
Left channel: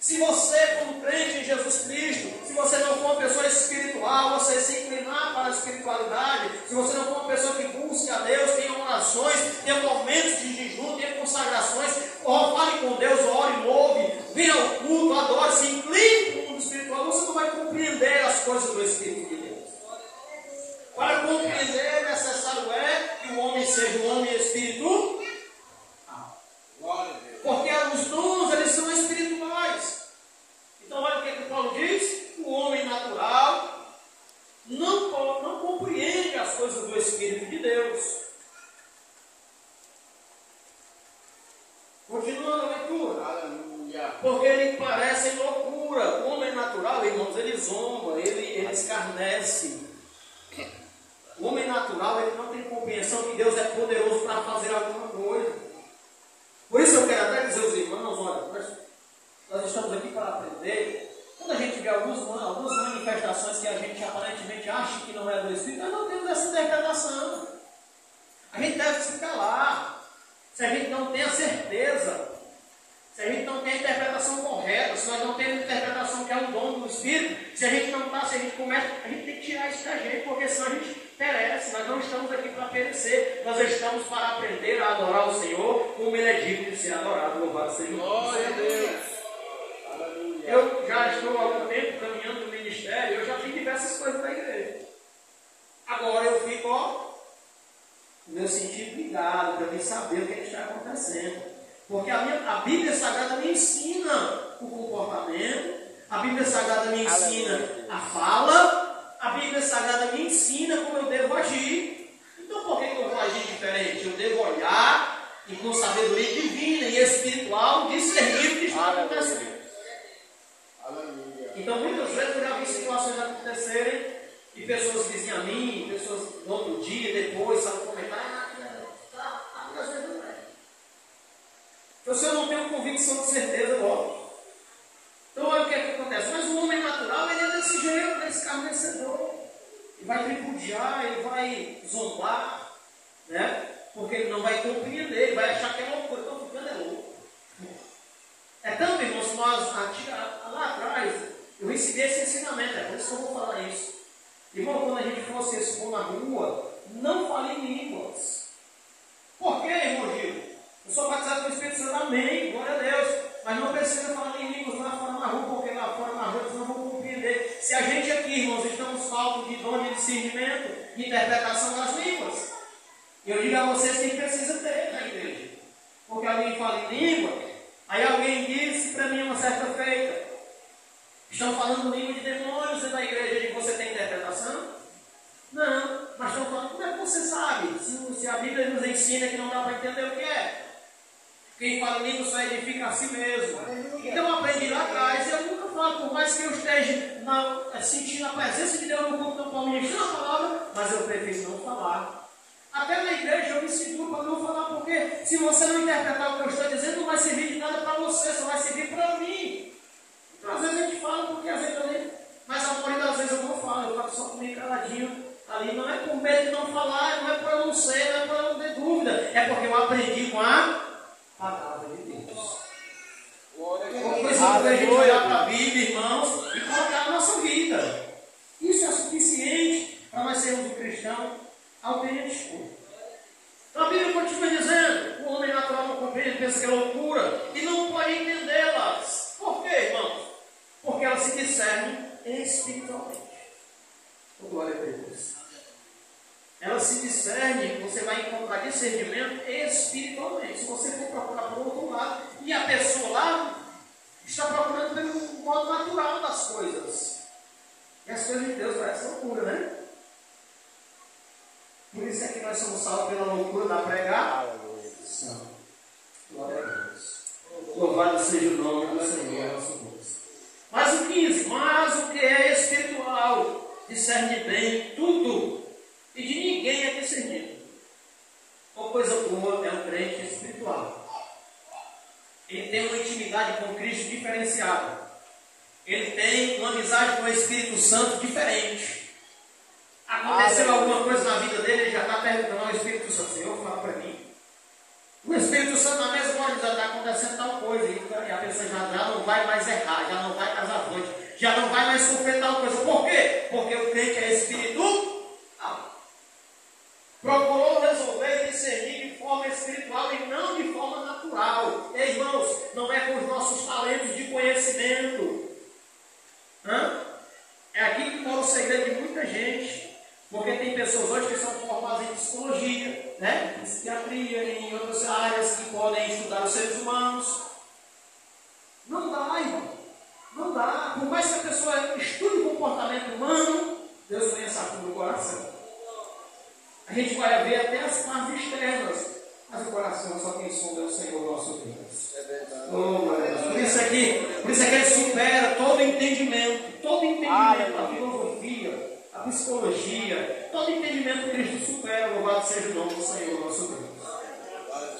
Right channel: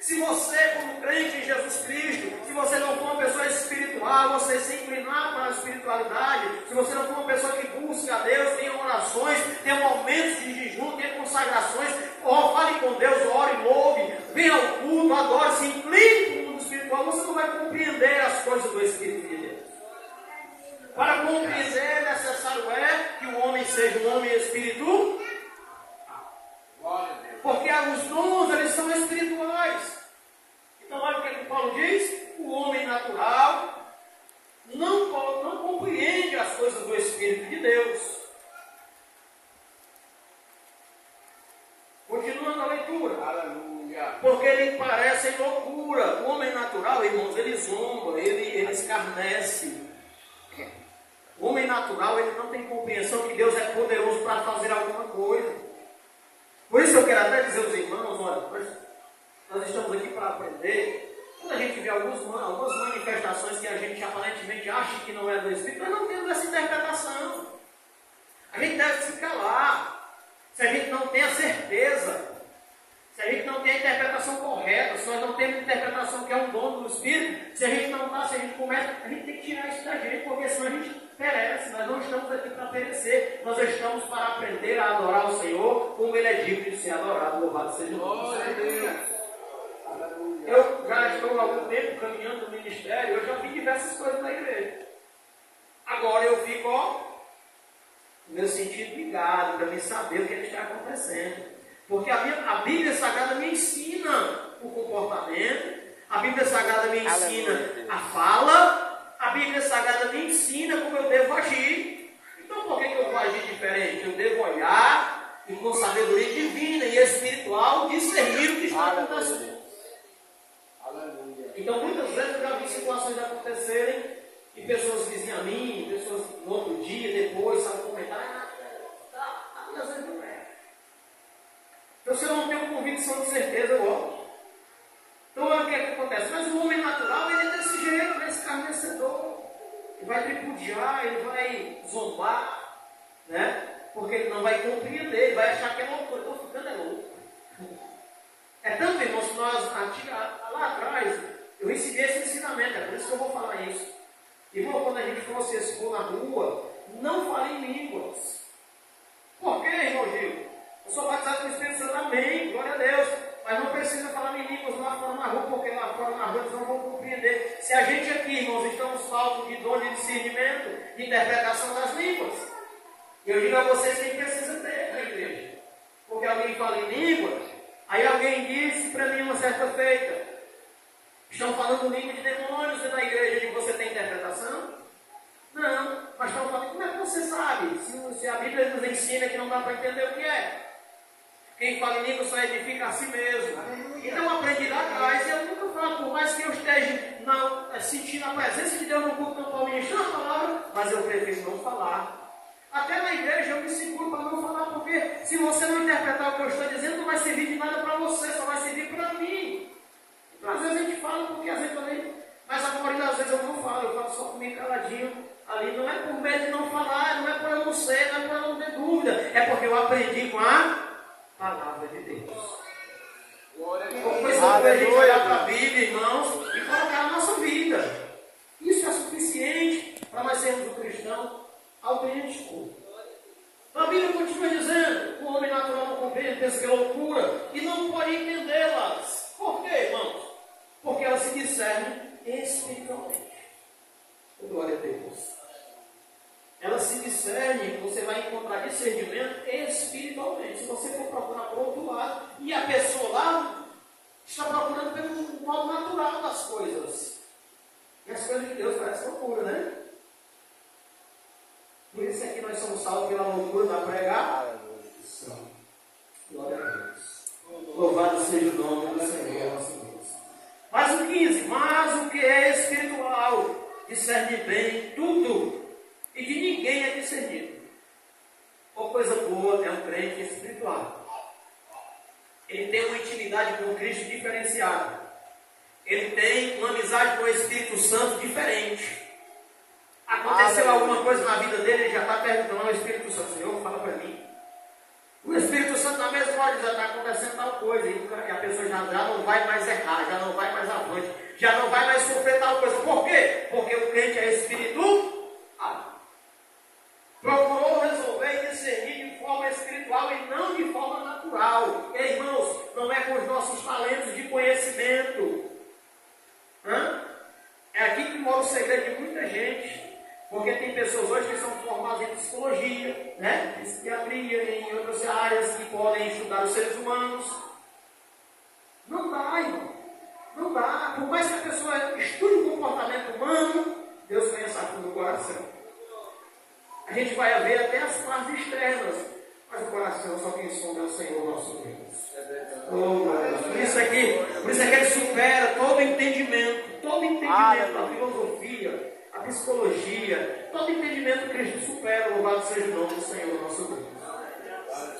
Se você, como crente em Jesus Cristo, se você não for uma pessoa espiritual, você se inclinar para a espiritualidade, se você não for uma pessoa que busca a Deus, tenha orações, tenha momentos de jejum, tenha consagrações, fale com Deus, ore, louve, venha ao culto, adore, se incline para o mundo espiritual, você não vai compreender as coisas do Espírito de Deus. Para compreender, necessário é que o homem seja um homem espiritual. Porque os dons, eles são espirituais. Então olha o que Paulo diz: o homem natural não compreende as coisas do Espírito de Deus. Continuando a leitura. Aleluia. Porque ele parece loucura. O homem natural, irmãos, ele zomba, ele escarnece. O homem natural, ele não tem compreensão que Deus é poderoso para fazer alguma coisa. Por isso eu quero até dizer aos irmãos, olha, nós estamos aqui para aprender. Quando a gente vê algumas manifestações que a gente aparentemente acha que não é do Espírito, nós não temos essa interpretação. A gente deve se calar. Se a gente não tem a certeza, se a gente não tem a interpretação correta, se nós não temos a interpretação que é um dom do Espírito, se a gente não está, se a gente começa, a gente tem que tirar isso da gente, porque senão a gente perece. Nós não estamos aqui para perecer, nós estamos para aprender a adorar o Senhor como Ele é digno de ser adorado, louvado seja o nome do Senhor. Eu já estou há algum tempo caminhando no ministério, eu já fiz diversas coisas na igreja. Agora eu fico, no meu sentido ligado, para mim saber o que está acontecendo. Porque a Bíblia Sagrada me ensina o comportamento, a Bíblia Sagrada me ensina a fala, a Bíblia Sagrada me ensina como eu devo agir. Então por que eu vou agir diferente? Eu devo olhar e com sabedoria divina e espiritual discernir o que está acontecendo. Então muitas vezes eu já vi situações acontecerem e pessoas diziam a mim, pessoas no outro dia, depois, sabe, comentar, às vezes não é. Então se eu não tenho convicção de certeza, eu volto. Então olha o que é que acontece. Mas o homem natural, ele é desse jeito, ele é escarnecedor. Ele vai tripudiar, ele vai zombar, né? Porque ele não vai compreender, ele vai achar que é loucura. Estou ficando é louco. É tanto, irmãos, que nós, lá atrás, eu recebi esse ensinamento, é por isso que eu vou falar isso. Irmão, quando a gente for se expor na rua, não fale em línguas. Por quê, irmão Gil? Eu sou batizado com o Espírito Santo, amém, glória a Deus. Mas não precisa falar em línguas lá fora na rua, porque lá fora na rua eles não vão compreender. Se a gente aqui, irmãos, estamos faltos de dom de discernimento, de interpretação das línguas, e eu digo a vocês que precisa ter na igreja. Porque alguém fala em língua, aí alguém disse para mim uma certa feita, estão falando língua de demônios na igreja, de você tem interpretação? Não, mas estão falando, como é que você sabe? Se a Bíblia nos ensina que não dá para entender o que é. Quem fala em língua só edifica a si mesmo. Então eu aprendi lá atrás, e eu nunca falo, por mais que eu esteja sentindo a presença de Deus no culto, não estou ministrando a palavra, mas eu prefiro não falar. Até na igreja eu me seguro para não falar, porque se você não interpretar o que eu estou dizendo, não vai servir de nada para você, só vai servir para mim. Então às vezes a gente fala, porque às vezes eu nem... Mas a maioria das vezes eu não falo, eu falo só comigo caladinho. Ali não é por medo de não falar, não é por eu não ser, não é por eu não ter dúvida, é porque eu aprendi com a palavra de Deus. Então, precisa a gente olhar para a Bíblia, irmãos, e colocar na nossa vida. Isso é suficiente para nós sermos um cristão autêntico. Então a Bíblia continua dizendo: o homem natural não compreende, pensa que é loucura e não pode entendê-las. Por quê, irmãos? Porque elas se discernem espiritualmente. Glória a Deus. Elas se discernem, você vai encontrar discernimento espiritualmente. Se você for procurar por outro lado, e nós somos salvos pela loucura da pregação. Glória a Deus. Louvado seja o nome do Senhor, nosso Deus. Mas o 15, mas o que é espiritual discerne bem tudo, e de ninguém é discernido. Uma coisa boa é um crente espiritual. Ele tem uma intimidade com Cristo diferenciada. Ele tem uma amizade com o Espírito Santo diferente. Aconteceu alguma coisa na vida dele, ele já está perguntando ao Espírito Santo: Senhor, fala para mim. O Espírito Santo na mesma hora diz: está acontecendo tal coisa, e a pessoa já não vai mais errar, já não vai mais avante, já não vai mais sofrer tal coisa. Por quê? Porque o crente é espiritual. Procurou resolver e discernir de forma espiritual e não de forma natural. E, irmãos, não é com os nossos talentos de conhecimento. É aqui que mora o segredo de muita gente. Porque tem pessoas hoje que são formadas em psicologia, né? Em psiquiatria, em outras áreas que podem estudar os seres humanos. Não dá, irmão. Não dá. Por mais que a pessoa estude o comportamento humano, Deus conhece a fundo do coração. A gente vai ver até as partes externas, mas o coração só quem sonda é o Senhor nosso Deus. Por isso é que ele supera todo entendimento, a filosofia, a psicologia, todo entendimento que Cristo supera. Louvado seja o nome do Senhor nosso Deus.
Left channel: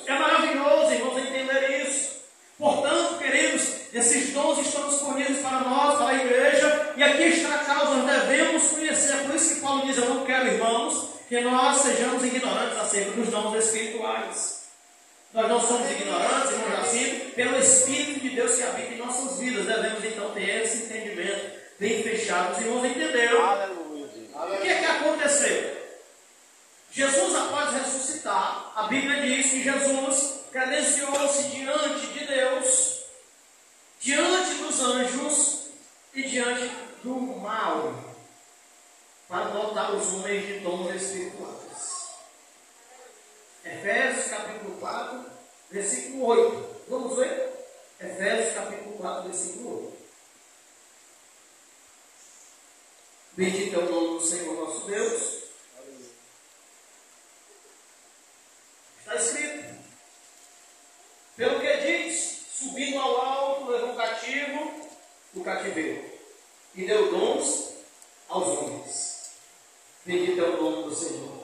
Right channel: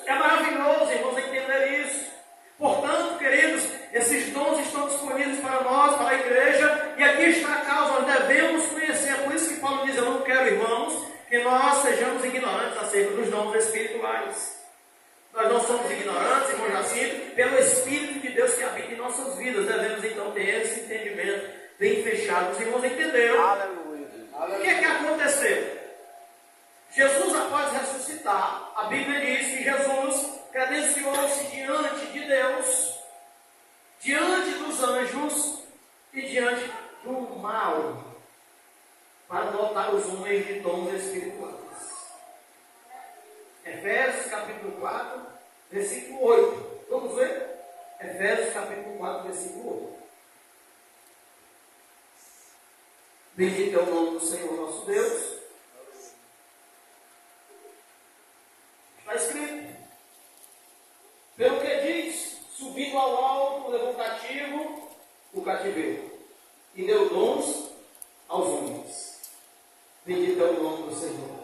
É maravilhoso, irmãos, entender isso. Portanto, queridos, esses dons estão disponíveis para nós, para a igreja, e aqui está a causa, nós devemos conhecer. É por isso que Paulo diz: eu não quero, irmãos, que nós sejamos ignorantes acerca dos dons espirituais. Nós não somos ignorantes, irmãos, nascidos pelo Espírito de Deus que habita em nossas vidas. Devemos então ter esse entendimento bem fechado. Os irmãos entenderam? Aleluia. O que é que aconteceu? Jesus, após ressuscitar, a Bíblia diz que Jesus credenciou-se diante de Deus, diante dos anjos e diante do mal, para dotar os homens de dons espirituais. Efésios capítulo 4, versículo 8. Vamos ver? Efésios capítulo 4, versículo 8. Bendito é o nome do Senhor nosso Deus. Está escrito: pelo que diz, subindo ao alto, levou cativo o cativeiro e deu dons aos homens. Bendito é o nome do Senhor.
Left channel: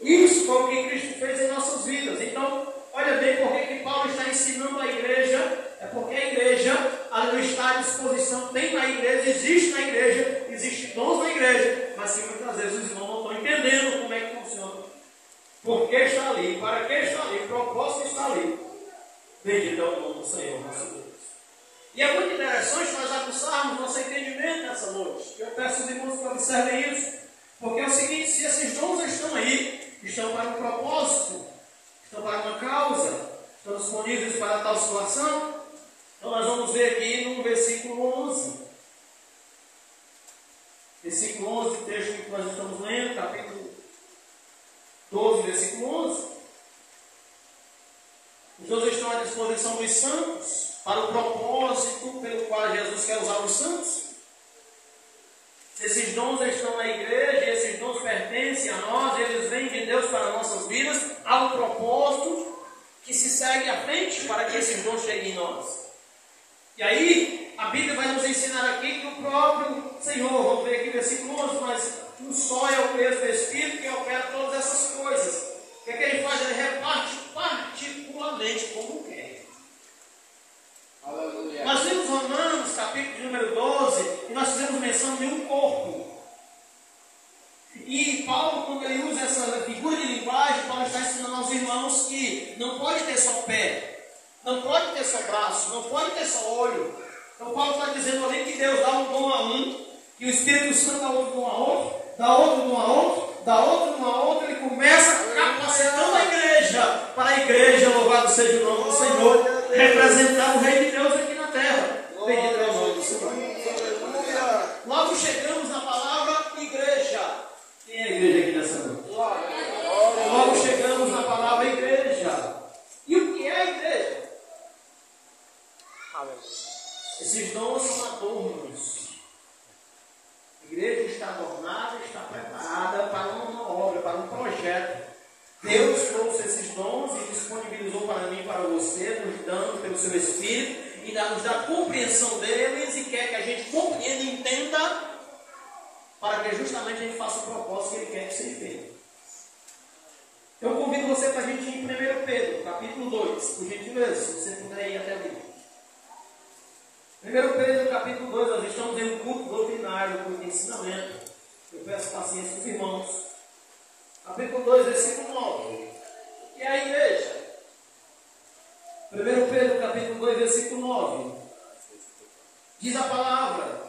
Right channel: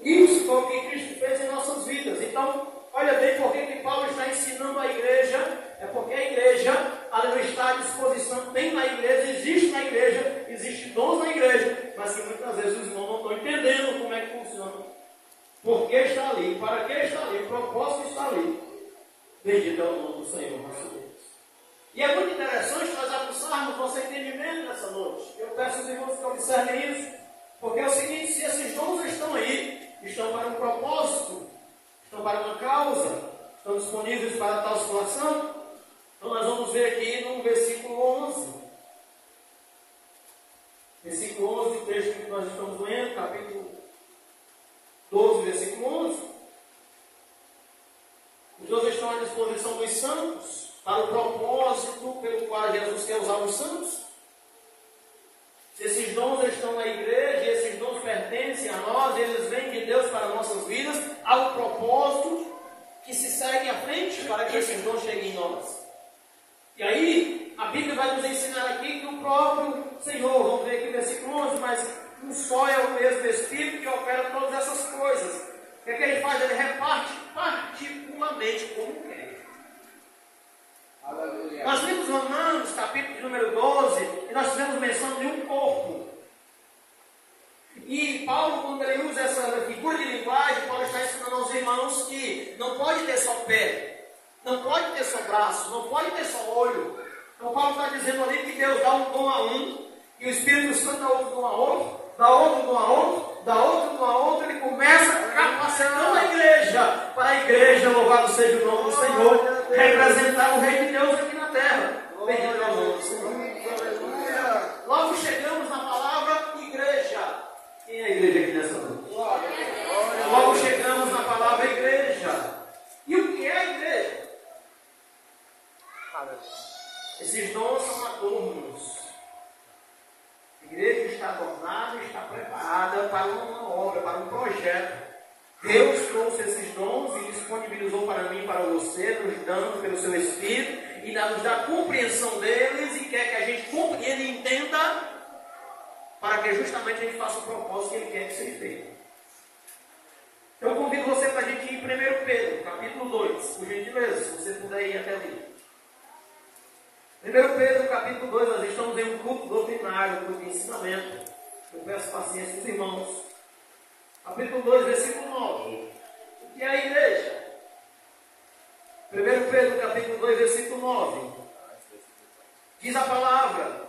Isso foi o que Cristo fez em nossas vidas. Então, olha bem por que Paulo está ensinando a igreja. É porque a igreja, ela não está à disposição. Tem na igreja, existe dons na igreja, mas que muitas vezes os irmãos não estão entendendo como é que funciona. Por que está ali? Para que está ali? O propósito está ali. Bendito é o nome do Senhor nosso Deus. E é muito interessante nós aguçarmos nosso entendimento nessa noite. Eu peço aos irmãos que observem isso, porque é o seguinte: se esses dons estão aí, estão para um propósito, estão para uma causa, estão disponíveis para tal situação, então nós vamos ver aqui no versículo 11. Versículo 11, texto que nós estamos lendo, capítulo 12, versículo 11. Os dons estão à disposição dos santos, para o propósito pelo qual Jesus quer usar os santos. Esses dons estão na igreja, e esses dons pertencem a nós, eles vêm de Deus para nossas vidas. Há um propósito que se segue à frente para que esses dons cheguem em nós. E aí, a Bíblia vai nos ensinar aqui que o próprio Senhor, vamos ver aqui o versículo 11, mas um só é o mesmo Espírito que opera todas essas coisas. O que é que ele faz? Ele reparte particularmente como quer. Aleluia. Nós vimos Romanos, capítulo número 12, e nós fizemos menção de um corpo. E Paulo, quando ele usa essa figura de linguagem, Paulo está ensinando aos irmãos que não pode ter só pé, não pode ter só braço, não pode ter só olho. Então Paulo está dizendo ali que Deus dá um dom a um, e o Espírito Santo dá outro dom a outro, dá outro dom a outro, dá outro dom a outro. Ele começa capacitando a igreja, para a igreja, louvado seja o nome do Senhor, representar o Rei de Deus aqui na terra. Bendito é o nome do Senhor. Logo chegamos na palavra igreja. Quem é a igreja aqui nessa noite? Logo chegamos na palavra igreja. E o que é a igreja? Esses dons são adornos. A igreja está adornada, está preparada para uma obra, para um projeto. Deus trouxe esses dons e disponibilizou para mim e para você, nos dando pelo seu Espírito, e nos dá compreensão deles, e quer que a gente compreenda e entenda, para que justamente a gente faça o propósito que Ele quer que seja feito. Eu convido você para a gente ir em 1 Pedro, capítulo 2, por gentileza, se você puder ir até ali. 1 Pedro, capítulo 2, nós estamos em um culto doutrinário, um culto de ensinamento. Eu peço paciência dos irmãos. Capítulo 2, versículo 9. E a igreja? 1 Pedro, capítulo 2, versículo 9. Diz a palavra:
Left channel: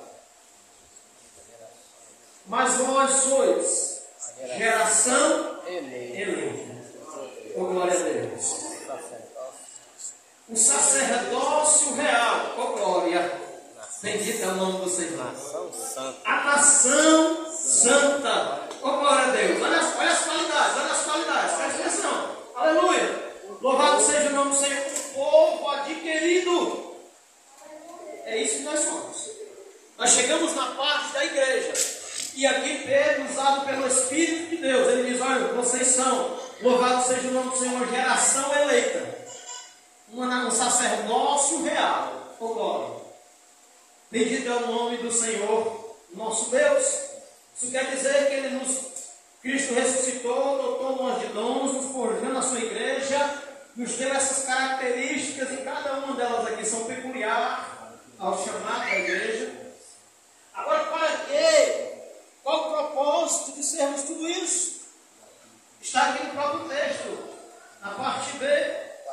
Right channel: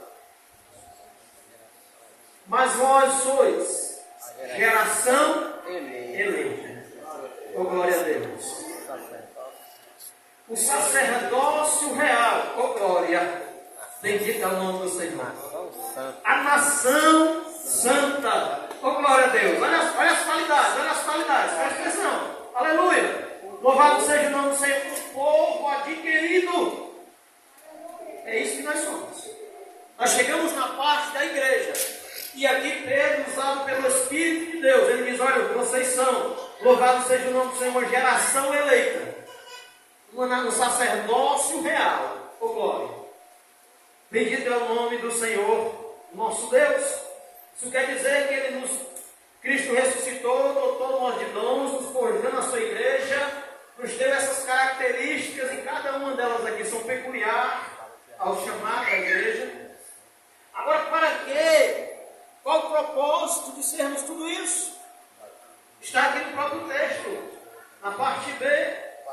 mas vós sois geração eleita. Oh, glória a Deus. O sacerdócio real. Oh, glória. Bendito é o nome do Senhor. A nação santa. Oh, glória a Deus. Olha as qualidades, olha as qualidades. Presta atenção. Aleluia. Louvado seja o nome do Senhor. O povo adquirido. É isso que nós somos. Nós chegamos na parte da igreja. E aqui Pedro, usado pelo Espírito de Deus, ele diz: olha, vocês são, louvado seja o nome do Senhor, uma geração eleita, um sacerdócio real. Oh, glória. Bendito é o nome do Senhor, nosso Deus. Isso quer dizer que Cristo ressuscitou, dotou nós de dons, nos forjou na sua igreja, nos deu essas características, e cada uma delas aqui são peculiares ao chamar da igreja. Agora, para quê? Qual o propósito de sermos tudo isso? Está aqui no próprio texto, na parte B.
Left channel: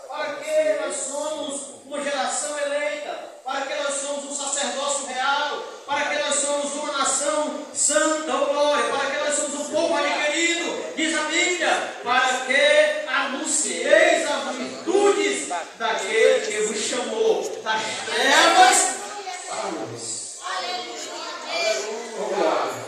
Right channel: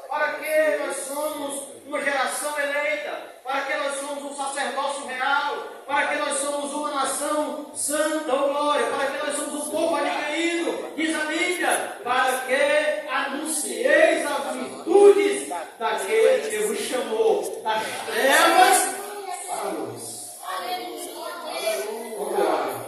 Para que nós somos uma geração eleita? Para que nós somos um sacerdócio real? Para que nós somos uma nação santa, oh glória? Para que nós somos um povo adquirido? Diz a Bíblia: para que anuncieis as virtudes daquele que vos chamou das trevas para a luz. Oh glória!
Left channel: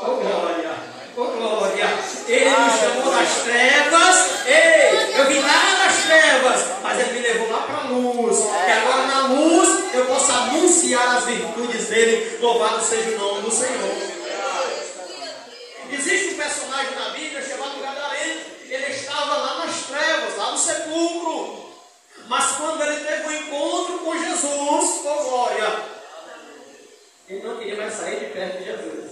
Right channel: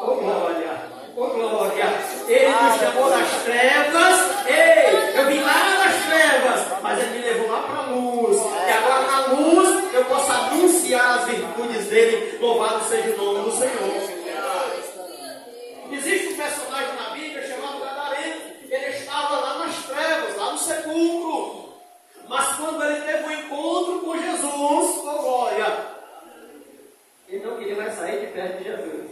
Oh glória, oh glória, Ele me chamou das trevas. Ei, eu vim lá das trevas, mas Ele me levou lá para a luz. E agora na luz eu posso anunciar as virtudes dEle. Louvado seja o nome do Senhor. Existe um personagem na Bíblia chamado Gadareno. Ele estava lá nas trevas, lá no sepulcro. Mas quando ele teve um encontro com Jesus, oh glória, ele não queria mais sair de perto de Jesus.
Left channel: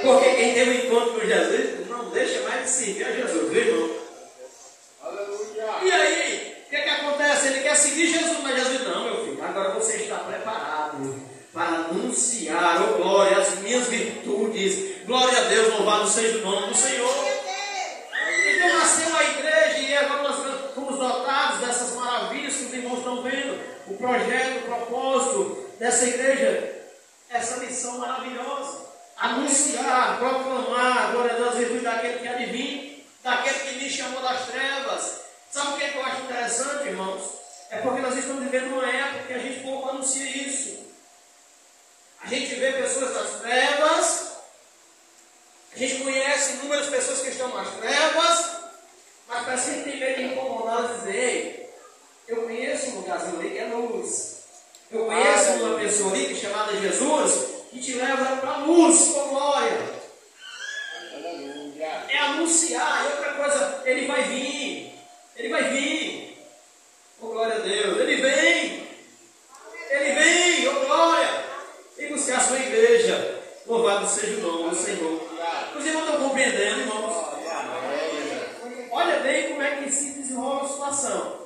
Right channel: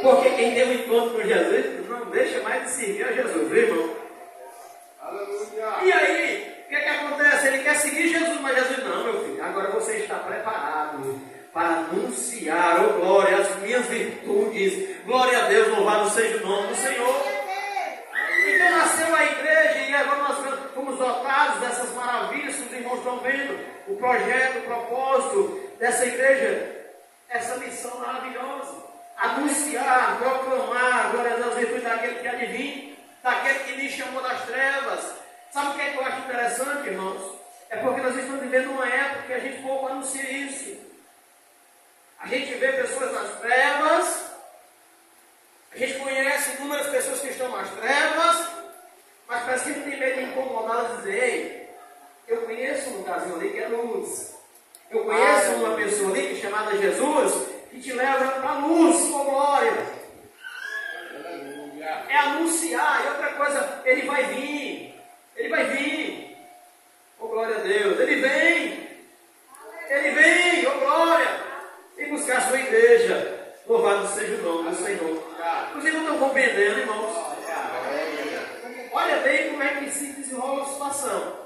Porque quem tem um encontro com Jesus não deixa mais de servir a Jesus, viu, irmão? Aleluia. E aí, o que acontece? Ele quer seguir Jesus, mas Jesus: não, meu filho, agora você está preparado para anunciar, oh glória, as minhas virtudes. Glória a Deus, louvado seja o nome do Senhor. Então nasceu a igreja, e agora nós fomos dotados dessas maravilhas que os irmãos estão vendo. O projeto, o propósito dessa igreja, essa missão maravilhosa. Anunciar, proclamar, glória a Deus, virtude daquele que adivinha, daquele que me chamou das trevas. Sabe o que é que eu acho interessante, irmãos? É porque nós estamos vivendo uma época que a gente pouco anuncia isso. A gente vê pessoas nas trevas, a gente conhece inúmeras pessoas que estão nas trevas, mas parece que a gente tem meio que incomodado e dizer: ei, eu conheço um lugarzinho ali que é luz. Eu conheço uma pessoa ali que é chamada Jesus, que te leva para a luz, com glória. É anunciar. E outra coisa, Ele vai vir. Ele vai vir. Oh glória a Deus. Ele vem. Ele vem, oh glória. Vem buscar a sua igreja. Louvado seja o nome do Senhor. Os irmãos estão compreendendo, irmãos? Olha bem como é que se desenrola a situação.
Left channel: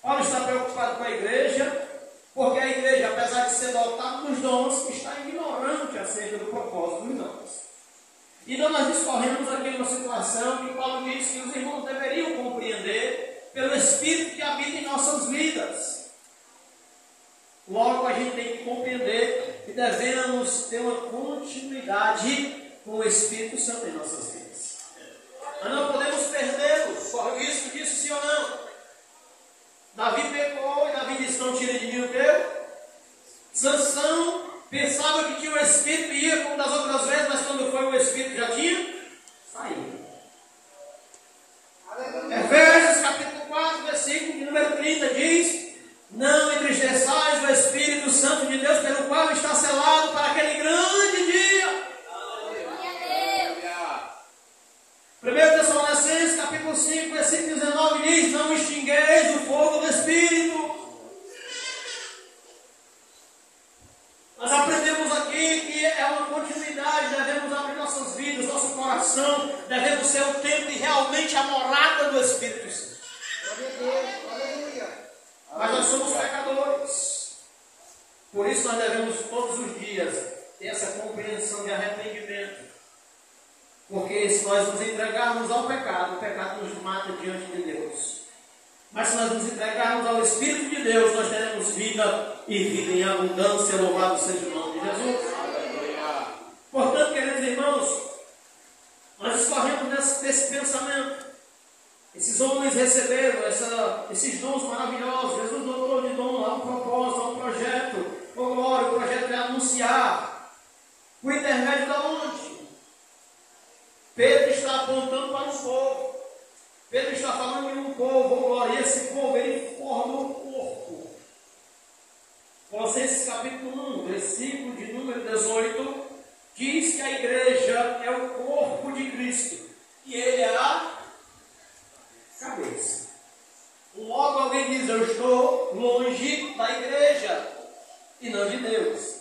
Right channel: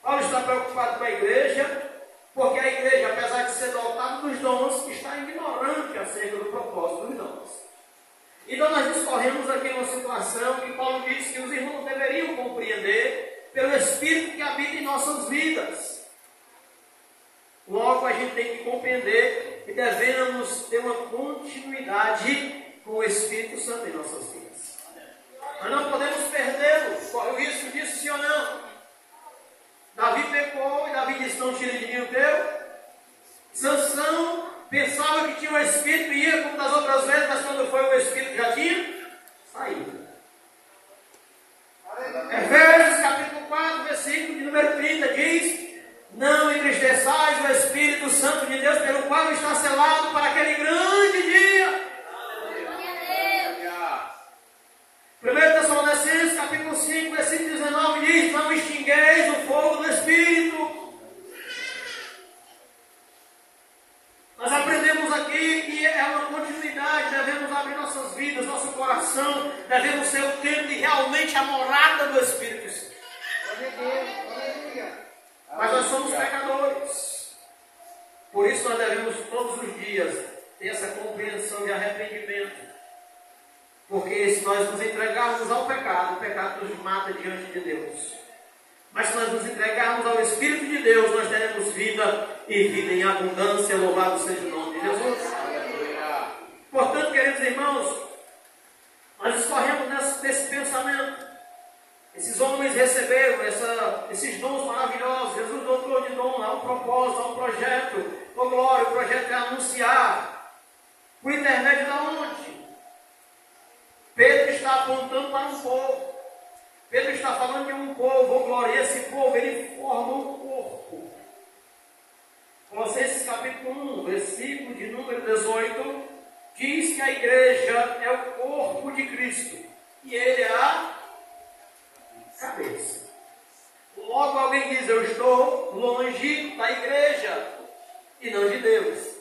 Paulo está preocupado com a igreja, porque a igreja, apesar de ser dotada dos dons, está ignorante acerca do propósito dos dons. Então nós discorremos aqui uma situação que Paulo diz que os irmãos deveriam compreender pelo Espírito que habita em nossas vidas. Logo a gente tem que compreender que devemos ter uma continuidade com o Espírito Santo em nossas vidas. Nós não podemos perdê-lo. Corre o risco disso, sim ou não? Davi pecou e Davi disse: não tire de mim o teu. Sansão pensava que tinha o Espírito e ia como das outras vezes, mas quando foi o Espírito já tinha saído. Efésios capítulo 4, versículo de número 30 diz: não entristeçais o Espírito Santo de Deus, pelo qual está selado para aquele grande dia. 1 Tessalonicenses capítulo 5, oração, devemos ser o templo e realmente a morada do Espírito Santo. Mas nós somos pecadores. Por isso nós devemos todos os dias ter essa compreensão de arrependimento. Porque se nós nos entregarmos ao pecado, o pecado nos mata diante de Deus. Mas se nós nos entregarmos ao Espírito de Deus, nós teremos vida e vida em abundância. Louvado seja o nome de Jesus. Portanto, queridos irmãos, nós escorremos nesse pensamento. Esses homens receberam esses dons maravilhosos. Jesus dotou de dom, há um propósito, há um projeto. Oh glória, o projeto é anunciar. Por intermédio de onde? Pedro está apontando para um povo. Pedro está falando de um povo, oh glória. E esse povo, ele forma um corpo. Colossenses capítulo 1, versículo de número 18, diz que a igreja é o corpo de Cristo. E ele é a cabeça. Logo alguém diz, eu estou longe da igreja e não de Deus.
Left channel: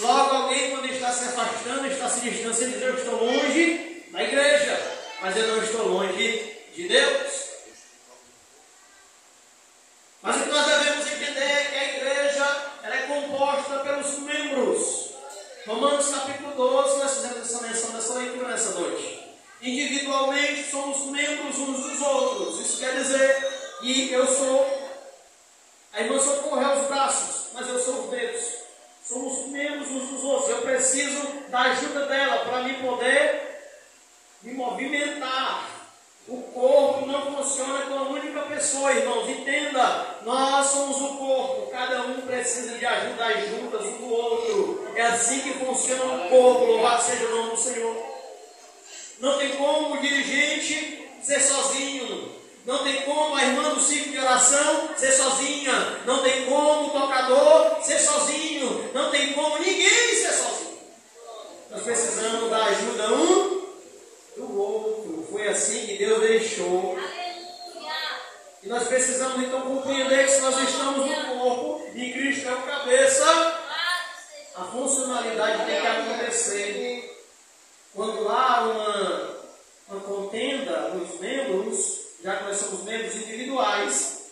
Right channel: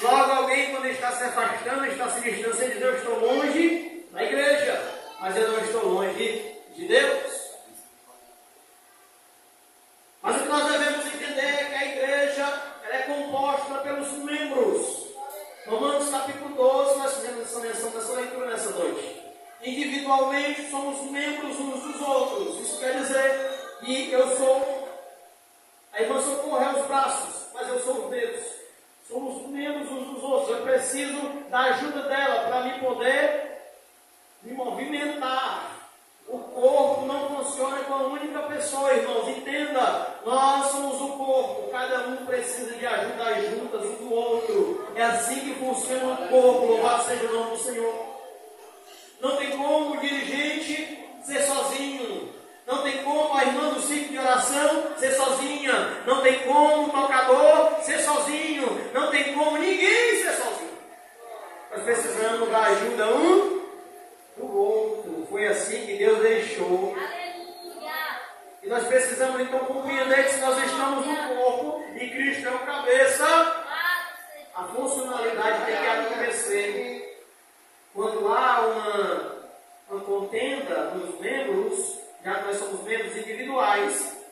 Logo alguém, quando está se afastando, está se distanciando, diz, eu estou longe da igreja, mas eu não estou longe de Deus. Mas o que nós devemos entender é que a igreja ela é composta pelos membros. Romanos capítulo 12, nós fizemos essa leitura nessa noite. Individualmente somos membros uns dos outros. Isso quer dizer que eu sou, a irmã Socorro é os braços, mas eu sou os dedos. Somos membros uns dos outros. Eu preciso da ajuda dela para me poder me movimentar. O corpo não funciona com a única pessoa, irmãos. Entenda, nós somos o corpo. Cada um precisa de ajuda, as juntas um do outro. É assim que funciona o corpo. Louvado seja o nome do Senhor. Não tem como o dirigente ser sozinho. Não tem como a irmã do ciclo de oração ser sozinha. Não tem como o tocador ser sozinho. Não tem como ninguém ser sozinho. Nós precisamos da ajuda um do outro. Foi assim que Deus deixou. E nós precisamos então compreender que se nós estamos no corpo e Cristo é o cabeça, a funcionalidade tem que acontecer. Quando há uma contenda nos membros, já que nós somos membros individuais,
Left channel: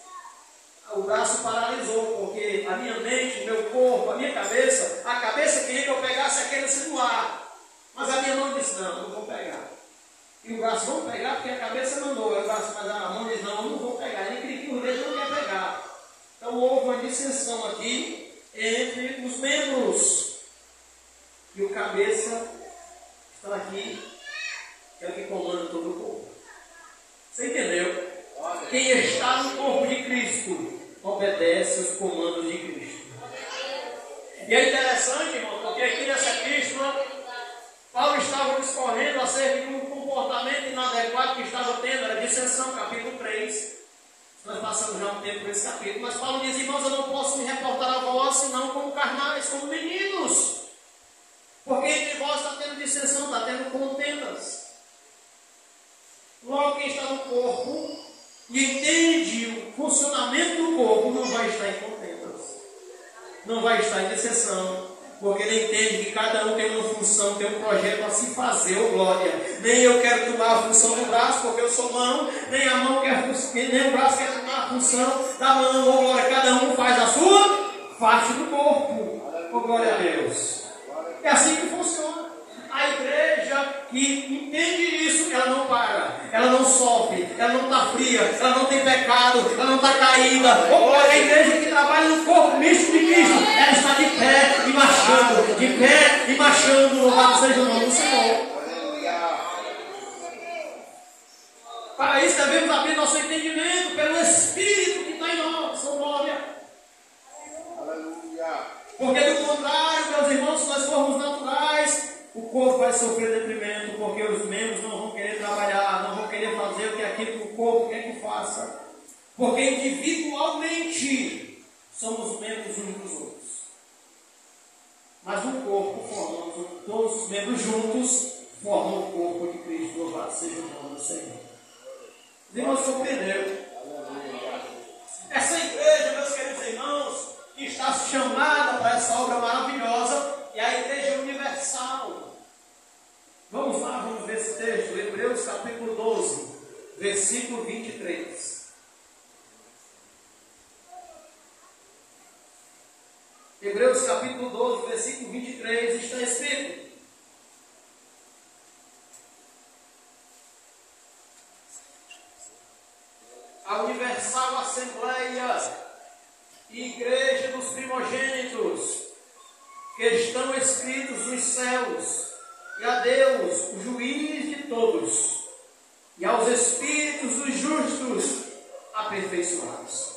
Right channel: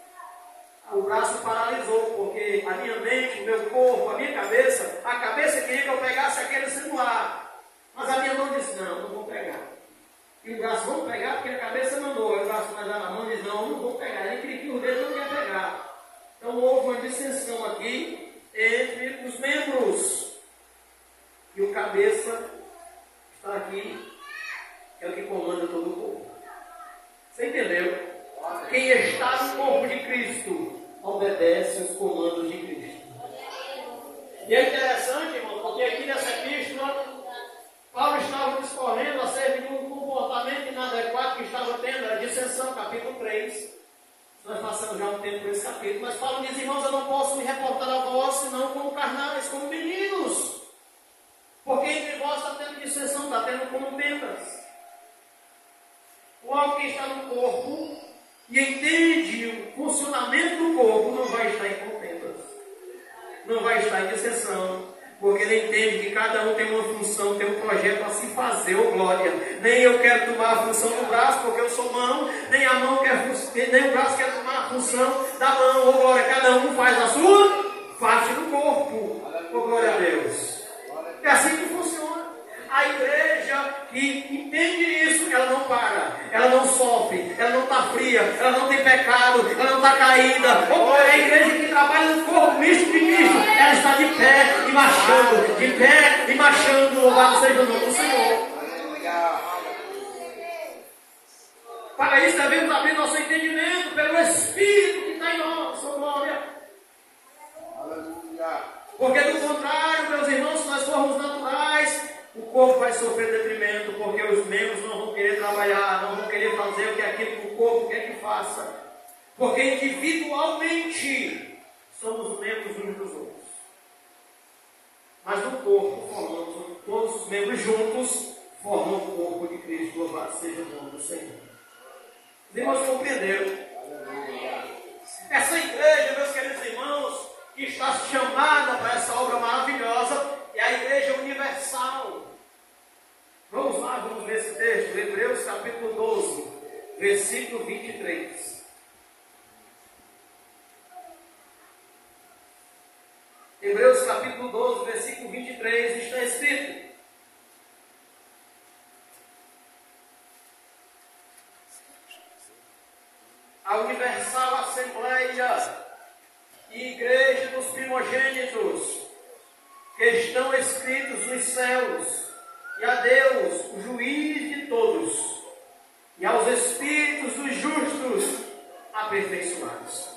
o braço paralisou, porque a minha mente, o meu corpo, a minha cabeça, a cabeça queria que eu pegasse aquele celular, mas a minha mão disse, não vou pegar. E o braço, vamos pegar, porque a cabeça mandou, o braço, mas a mão diz, não vou pegar. Ele queria que o dedo não quer pegar. Então houve uma dissensão aqui entre os membros. E o cabeça está aqui, que é o que comanda todo o corpo. Você entendeu? Quem está no corpo de Cristo obedece aos comandos de Cristo. E é interessante, irmão, porque aqui nessa epístola, Paulo estava discorrendo acerca de um comportamento inadequado que estava tendo, era dissensão, capítulo 3. Nós passamos já um tempo por esse capítulo, mas Paulo diz, irmãos, eu não posso me reportar a vós, senão como carnais, como meninos. Porque entre vós está tendo dissensão, está tendo contendas. Logo, quem está no corpo e entende o funcionamento do corpo, não vai estar em contendas. Não vai estar em dissensão. Porque ele entende que cada um tem uma função, tem um projeto a se fazer, ô glória. Nem eu quero tomar a função do braço, porque eu sou mão, nem a mão quer, nem o braço quer tomar a função da mão, ô glória. Cada um faz a sua parte do corpo, ô glória a Deus. É assim que funciona. A igreja que entende isso, ela não para, ela não sofre, ela não está fria, ela não tem pecado, ela não está caída. Ô glória, a igreja que trabalha no corpo místico de Cristo, ela está de pé e marchando, de pé e marchando. Louvado seja o nome do Senhor. Para isso devemos abrir nosso entendimento pelo Espírito que está em nós, ô glória. Porque do contrário, meus irmãos, se nós formos naturais, o corpo vai sofrer detrimento, porque os membros não vão querer trabalhar, não vão querer fazer o que é aquilo que o corpo quer que faça. Porque individualmente somos membros uns dos outros. Mas no corpo formamos, todos os membros juntos formam o corpo de Cristo. Louvado seja o nome do Senhor. Os irmãos compreenderam? Essa igreja, meus queridos irmãos, que está chamada para essa obra maravilhosa, é a igreja universal. Vamos Vamos lá, vamos ver esse texto. Hebreus capítulo 12, versículo 23. Hebreus capítulo 12, versículo 23, está escrito: a Universal Assembleia e Igreja dos Primogênitos, que estão escritos nos céus, e a Deus, o juiz de todos, e aos espíritos dos justos aperfeiçoados.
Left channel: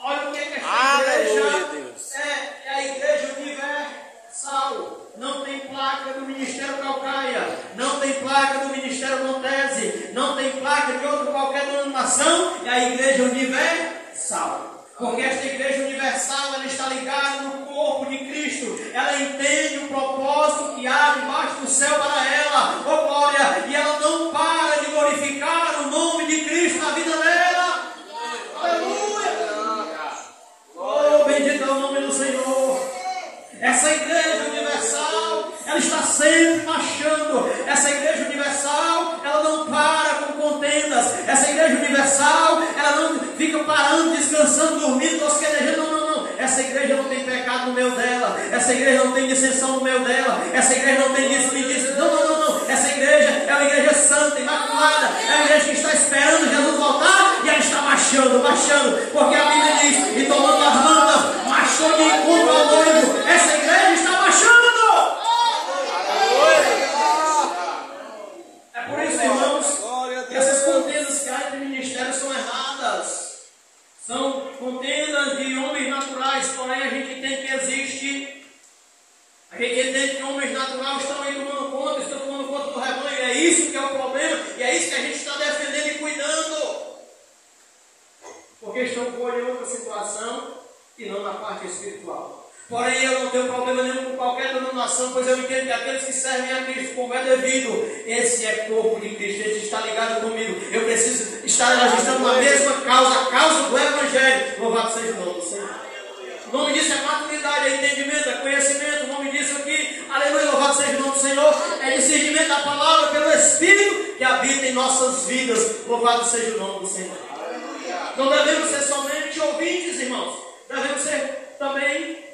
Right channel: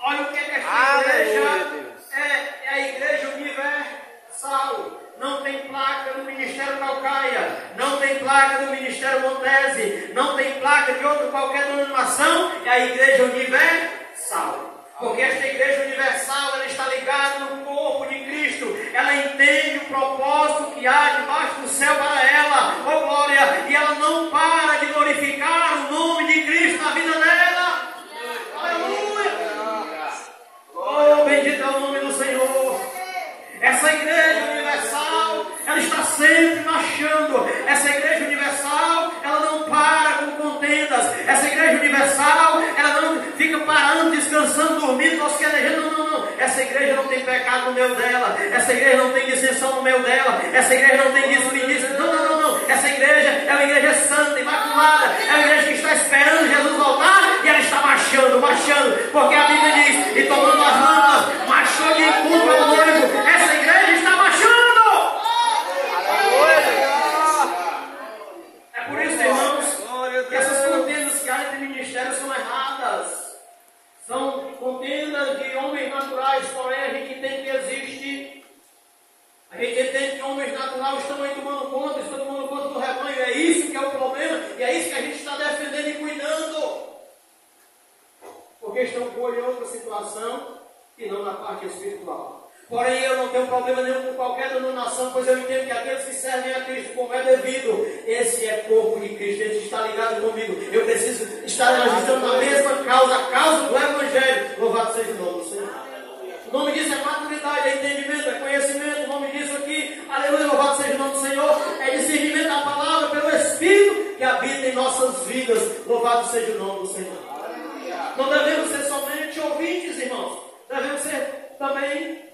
Olha o que é esta igreja é a igreja universal. Não tem placa do Ministério Calcaia, não tem placa do Ministério Montese, não tem placa de outra qualquer denominação, é a igreja universal. Porque esta igreja universal, ela está ligada no corpo de Cristo, ela entende o propósito que há debaixo do céu para ela, oh glória, e ela não para de glorificar o nome de Cristo na vida dela. Aleluia! Oh, bendito é o nome do Senhor. Essa igreja universal, ela está sempre marchando. Essa igreja universal, ela não para com contendas. Essa igreja universal, ela não fica parando, descansando, dormindo, tosquelejando. Não. Essa igreja não tem pecado no meio dela. Essa igreja não tem dissensão no meio dela. Essa igreja não tem desperdício. Não. Essa igreja é uma igreja santa, imaculada. É uma igreja que está esperando Jesus voltar e ela está marchando. Porque a Bíblia diz, e tomando as lâmpadas, marchou de encontro ao noivo. Essa igreja está marchando. É por isso, irmãos, que essas contendas que há entre ministérios são erradas. São contendas de homens naturais, porém a gente entende que existe. A gente entende que homens naturais estão aí tomando conta do rebanho. É isso que é o problema, e é isso que a gente está defendendo e cuidando. Porque estão com olho em outra situação e não na parte espiritual. Porém, eu não tenho problema nenhum com qualquer denominação, pois eu entendo que aqueles que servem a Cristo como é devido, esse é corpo de Cristo, esse está ligado comigo. Eu preciso estar, nós estamos na mesma causa, a causa do Evangelho. Louvado seja o nome do Senhor. O nome disso é maturidade, é entendimento, é conhecimento. O nome disso aqui, aleluia, louvado seja o nome do Senhor, é discernimento da palavra pelo Espírito que habita em nossas vidas. Louvado seja o nome do Senhor. Não devemos ser somente ouvintes, irmãos. Devemos ser também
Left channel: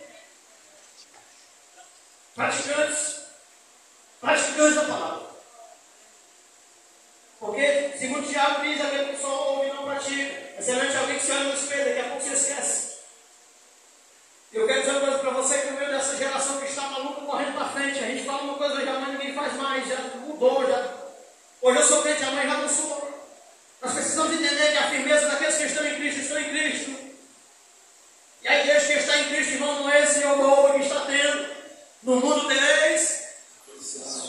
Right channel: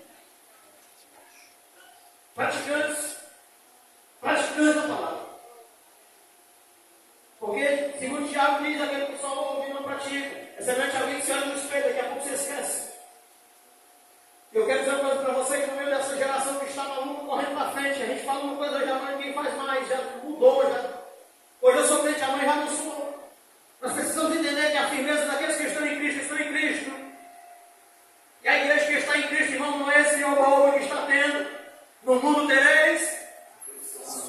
praticantes da palavra. Porque, segundo Tiago diz, aquele que só ouve e não pratica. É semelhante a alguém que se olha no espelho, daqui a pouco se esquece. Eu quero dizer uma coisa para você, que no meio dessa geração que está maluca correndo para frente, a gente fala uma coisa hoje, amanhã ninguém faz mais, já mudou, já. Hoje eu sou crente, amanhã já não sou. Nós precisamos entender que a firmeza daqueles que estão em Cristo. E a igreja que está em Cristo, irmão, não é esse ouro que está tendo. No mundo tereis.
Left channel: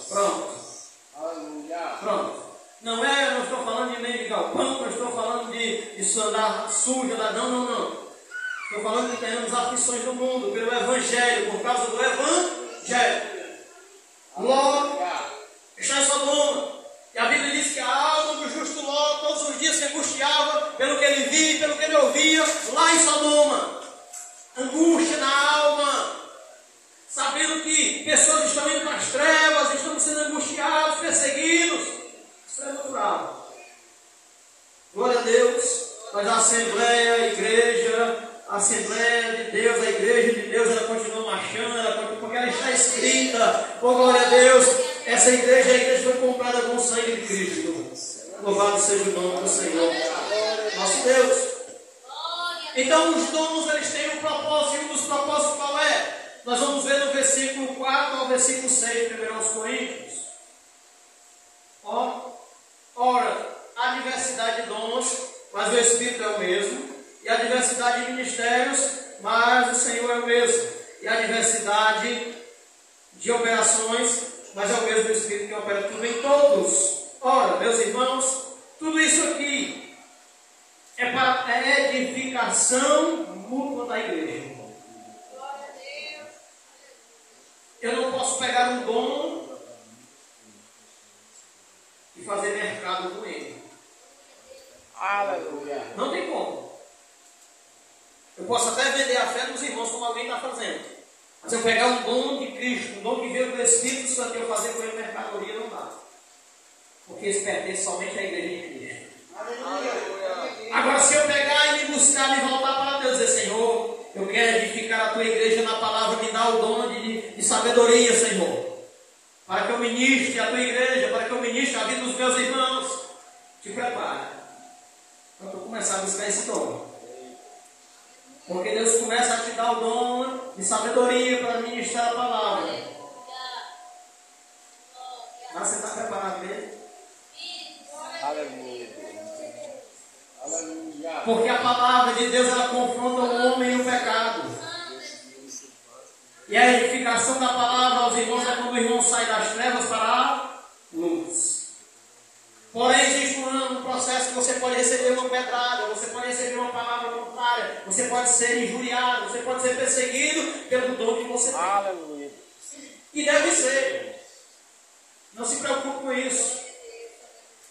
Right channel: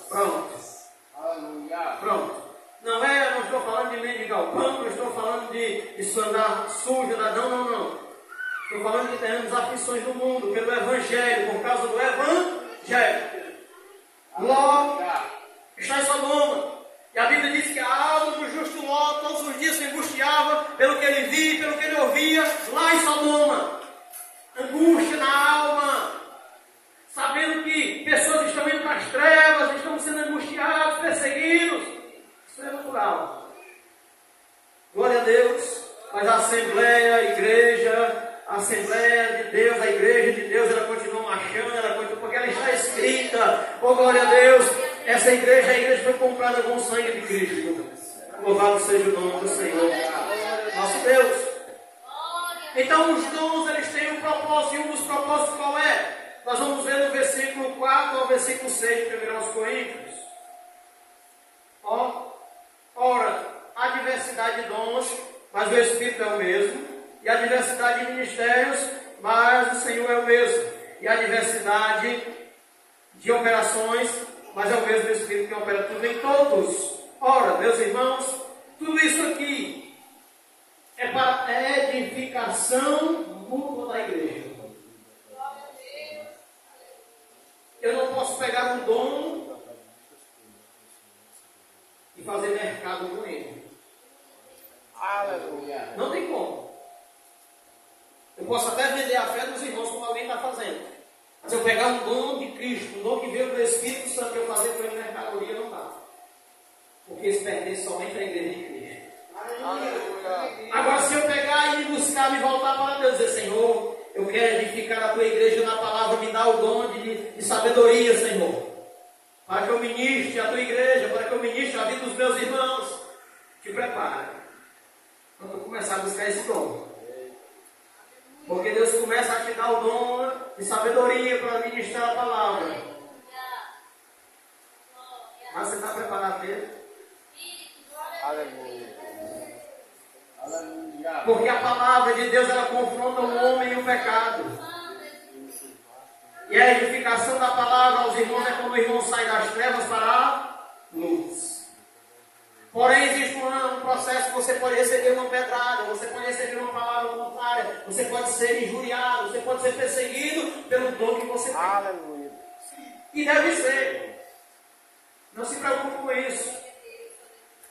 Pronto. Não estou falando de mendigar o pão, não estou falando de andar sujo, não. Estou falando que teremos aflições do mundo pelo Evangelho, por causa do Evangelho. Ló está em Sodoma. E a Bíblia diz que a alma do justo Ló todos os dias se angustiava pelo que ele via, pelo que ele ouvia lá em Sodoma. Angústia na alma, sabendo que pessoas estão indo nas trevas, estão sendo angustiados, perseguidos. Isso é natural. Glória a Deus. Mas a Assembleia de Deus, a igreja de Deus, ela continua marchando, porque ela está escrita. Oh, glória a Deus. Essa igreja, a igreja foi comprada com o sangue de Cristo. Louvado seja o nome do Senhor, nosso Deus. Então os dons, eles têm um propósito, e um dos propósitos qual é? Nós vamos ver no versículo 4 ao versículo 6, 1 Coríntios. Ora, há diversidade de dons, mas o Espírito é o mesmo. E a diversidade de ministérios, mas o Senhor é o mesmo. E a diversidade de operações, mas é o mesmo Espírito que opera tudo em todos. Ora, meus irmãos, tudo isso aqui é para a edificação mútua da igreja. Eu não posso pegar um dom e fazer mercado com ele. Aleluia. Não tem como. Eu posso até vender a fé dos irmãos como alguém está fazendo. Mas eu pegar um dom de Cristo, um dom que veio do Espírito Santo, eu fazer com ele mercadoria, não dá. Porque isso pertence somente à igreja de Cristo. Agora, se eu pegar e me buscar, me voltar para Deus e dizer, Senhor, eu quero edificar a tua igreja na palavra, me dá o dom de sabedoria, Senhor, para que eu ministre a tua igreja, para que eu ministre a vida dos meus irmãos. Te prepara. Quando eu começar a buscar esse dom. Porque Deus começa a te dar o dom de sabedoria para ministrar a palavra. Mas você está preparado dele? Aleluia. Aleluia. Porque a palavra de Deus, ela confronta o homem e o pecado. E a edificação da palavra aos irmãos é quando o irmão sai das trevas para a luz. Porém, existe um processo que você pode receber uma pedrada, você pode receber uma palavra contrária, você pode ser injuriado, você pode ser perseguido pelo dom que você tem. Aleluia. E deve ser. Não se preocupe com isso.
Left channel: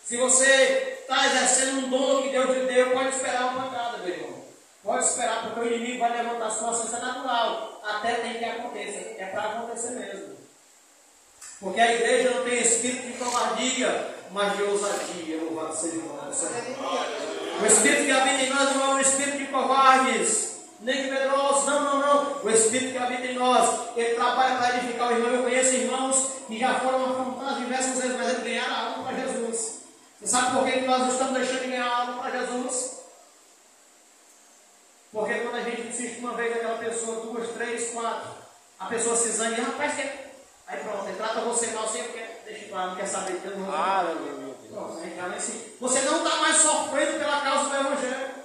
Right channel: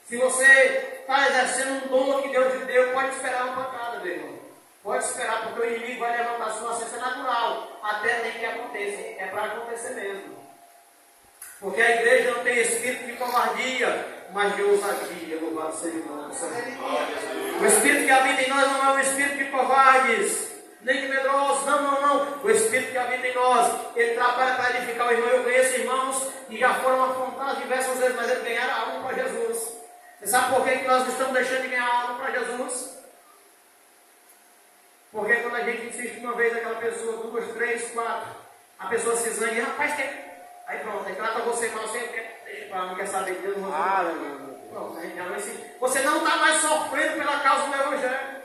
Se você está exercendo um dom que Deus lhe deu, pode esperar uma pancada, meu irmão. Pode esperar, porque o inimigo vai levantar a sua ciência natural. Até tem que aconteça. É para acontecer mesmo. Porque a igreja não tem espírito de covardia, mas de ousadia. Louvado seja o nome do Senhor. O espírito que habita em nós não é um espírito de covardes, nem de medrosos. Não. O espírito que habita em nós, ele trabalha para edificar o irmão. Eu conheço irmãos que já foram afrontados diversas vezes, mas eles ganharam a alma para Jesus. Você sabe por que nós estamos deixando de ganhar a alma para Jesus? Porque quando a gente insiste uma vez aquela pessoa, 2, 3, 4, a pessoa se zangue, rapaz, aí pronto, ele trata você mal, você deixa para lá, não quer saber de Deus, não vou falar. Pronto, a gente já não insiste. Você não está mais sofrendo pela causa do Evangelho.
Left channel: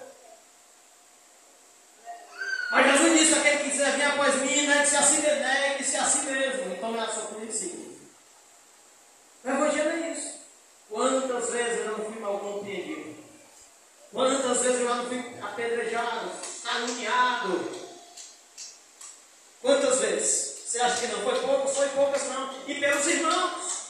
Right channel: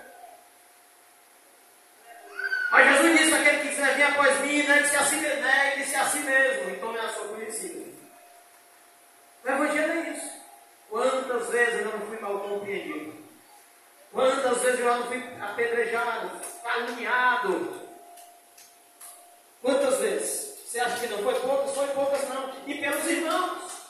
Mas Jesus disse, aquele que quiser vir após mim, negue-se a si mesmo, então é a sua conhecida. O Evangelho é isso. Quantas vezes eu não fui mal compreendido? Quantas vezes eu já não fui apedrejado, caluniado? Quantas vezes? Você acha que não foi poucas? Foi poucas não. E pelos irmãos.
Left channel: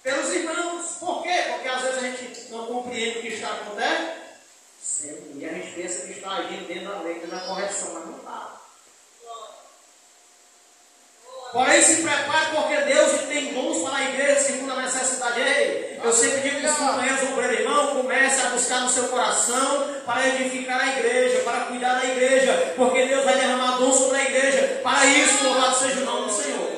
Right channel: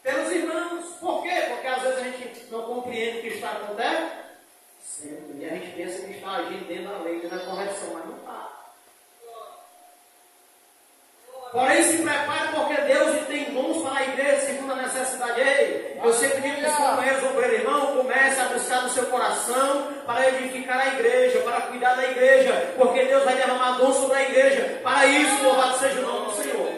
Pelos irmãos. Por quê? Porque às vezes a gente não compreende o que está acontecendo. E a gente pensa que está agindo dentro da lei, dentro da correção, mas não está. Porém, se prepare, porque Deus tem dons para a igreja segundo a necessidade. Ei, eu sempre digo que os companheiros obreiros, irmão, comece a buscar no seu coração para edificar a igreja, para cuidar da igreja, porque Deus vai derramar dons sobre a igreja. Para isso, louvado seja o nome do Senhor.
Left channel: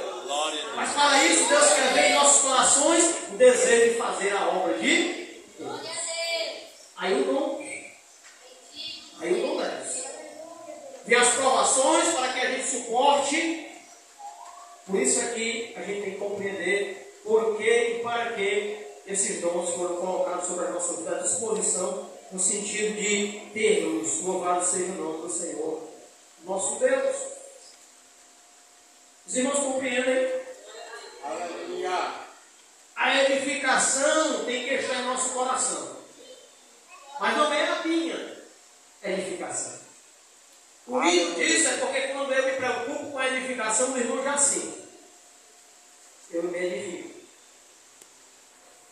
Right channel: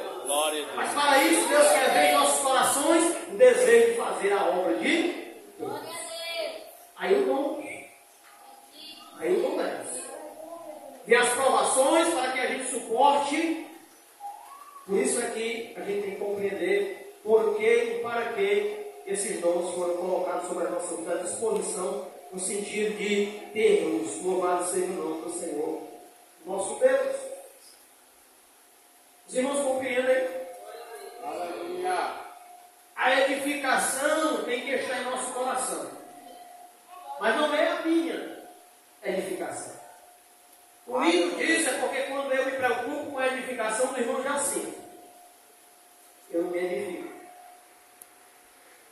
Mas para isso, Deus quer ver em nossos corações o desejo de fazer a obra de Deus. Aí o dom. Aí o dom desce. Vê as provações para que a gente suporte. Por isso aqui a gente tem que compreender por que e para que esses dons foram colocados sobre a nossa vida à disposição, no sentido de termos, louvado seja o nome do Senhor, nosso Deus. Os irmãos compreendem? Aleluia. A edificação tem que estar em nosso coração. Mas não é a minha edificação. O lindo disso é porque quando eu me preocupo com a edificação do irmão Jacinto, eu me edifico.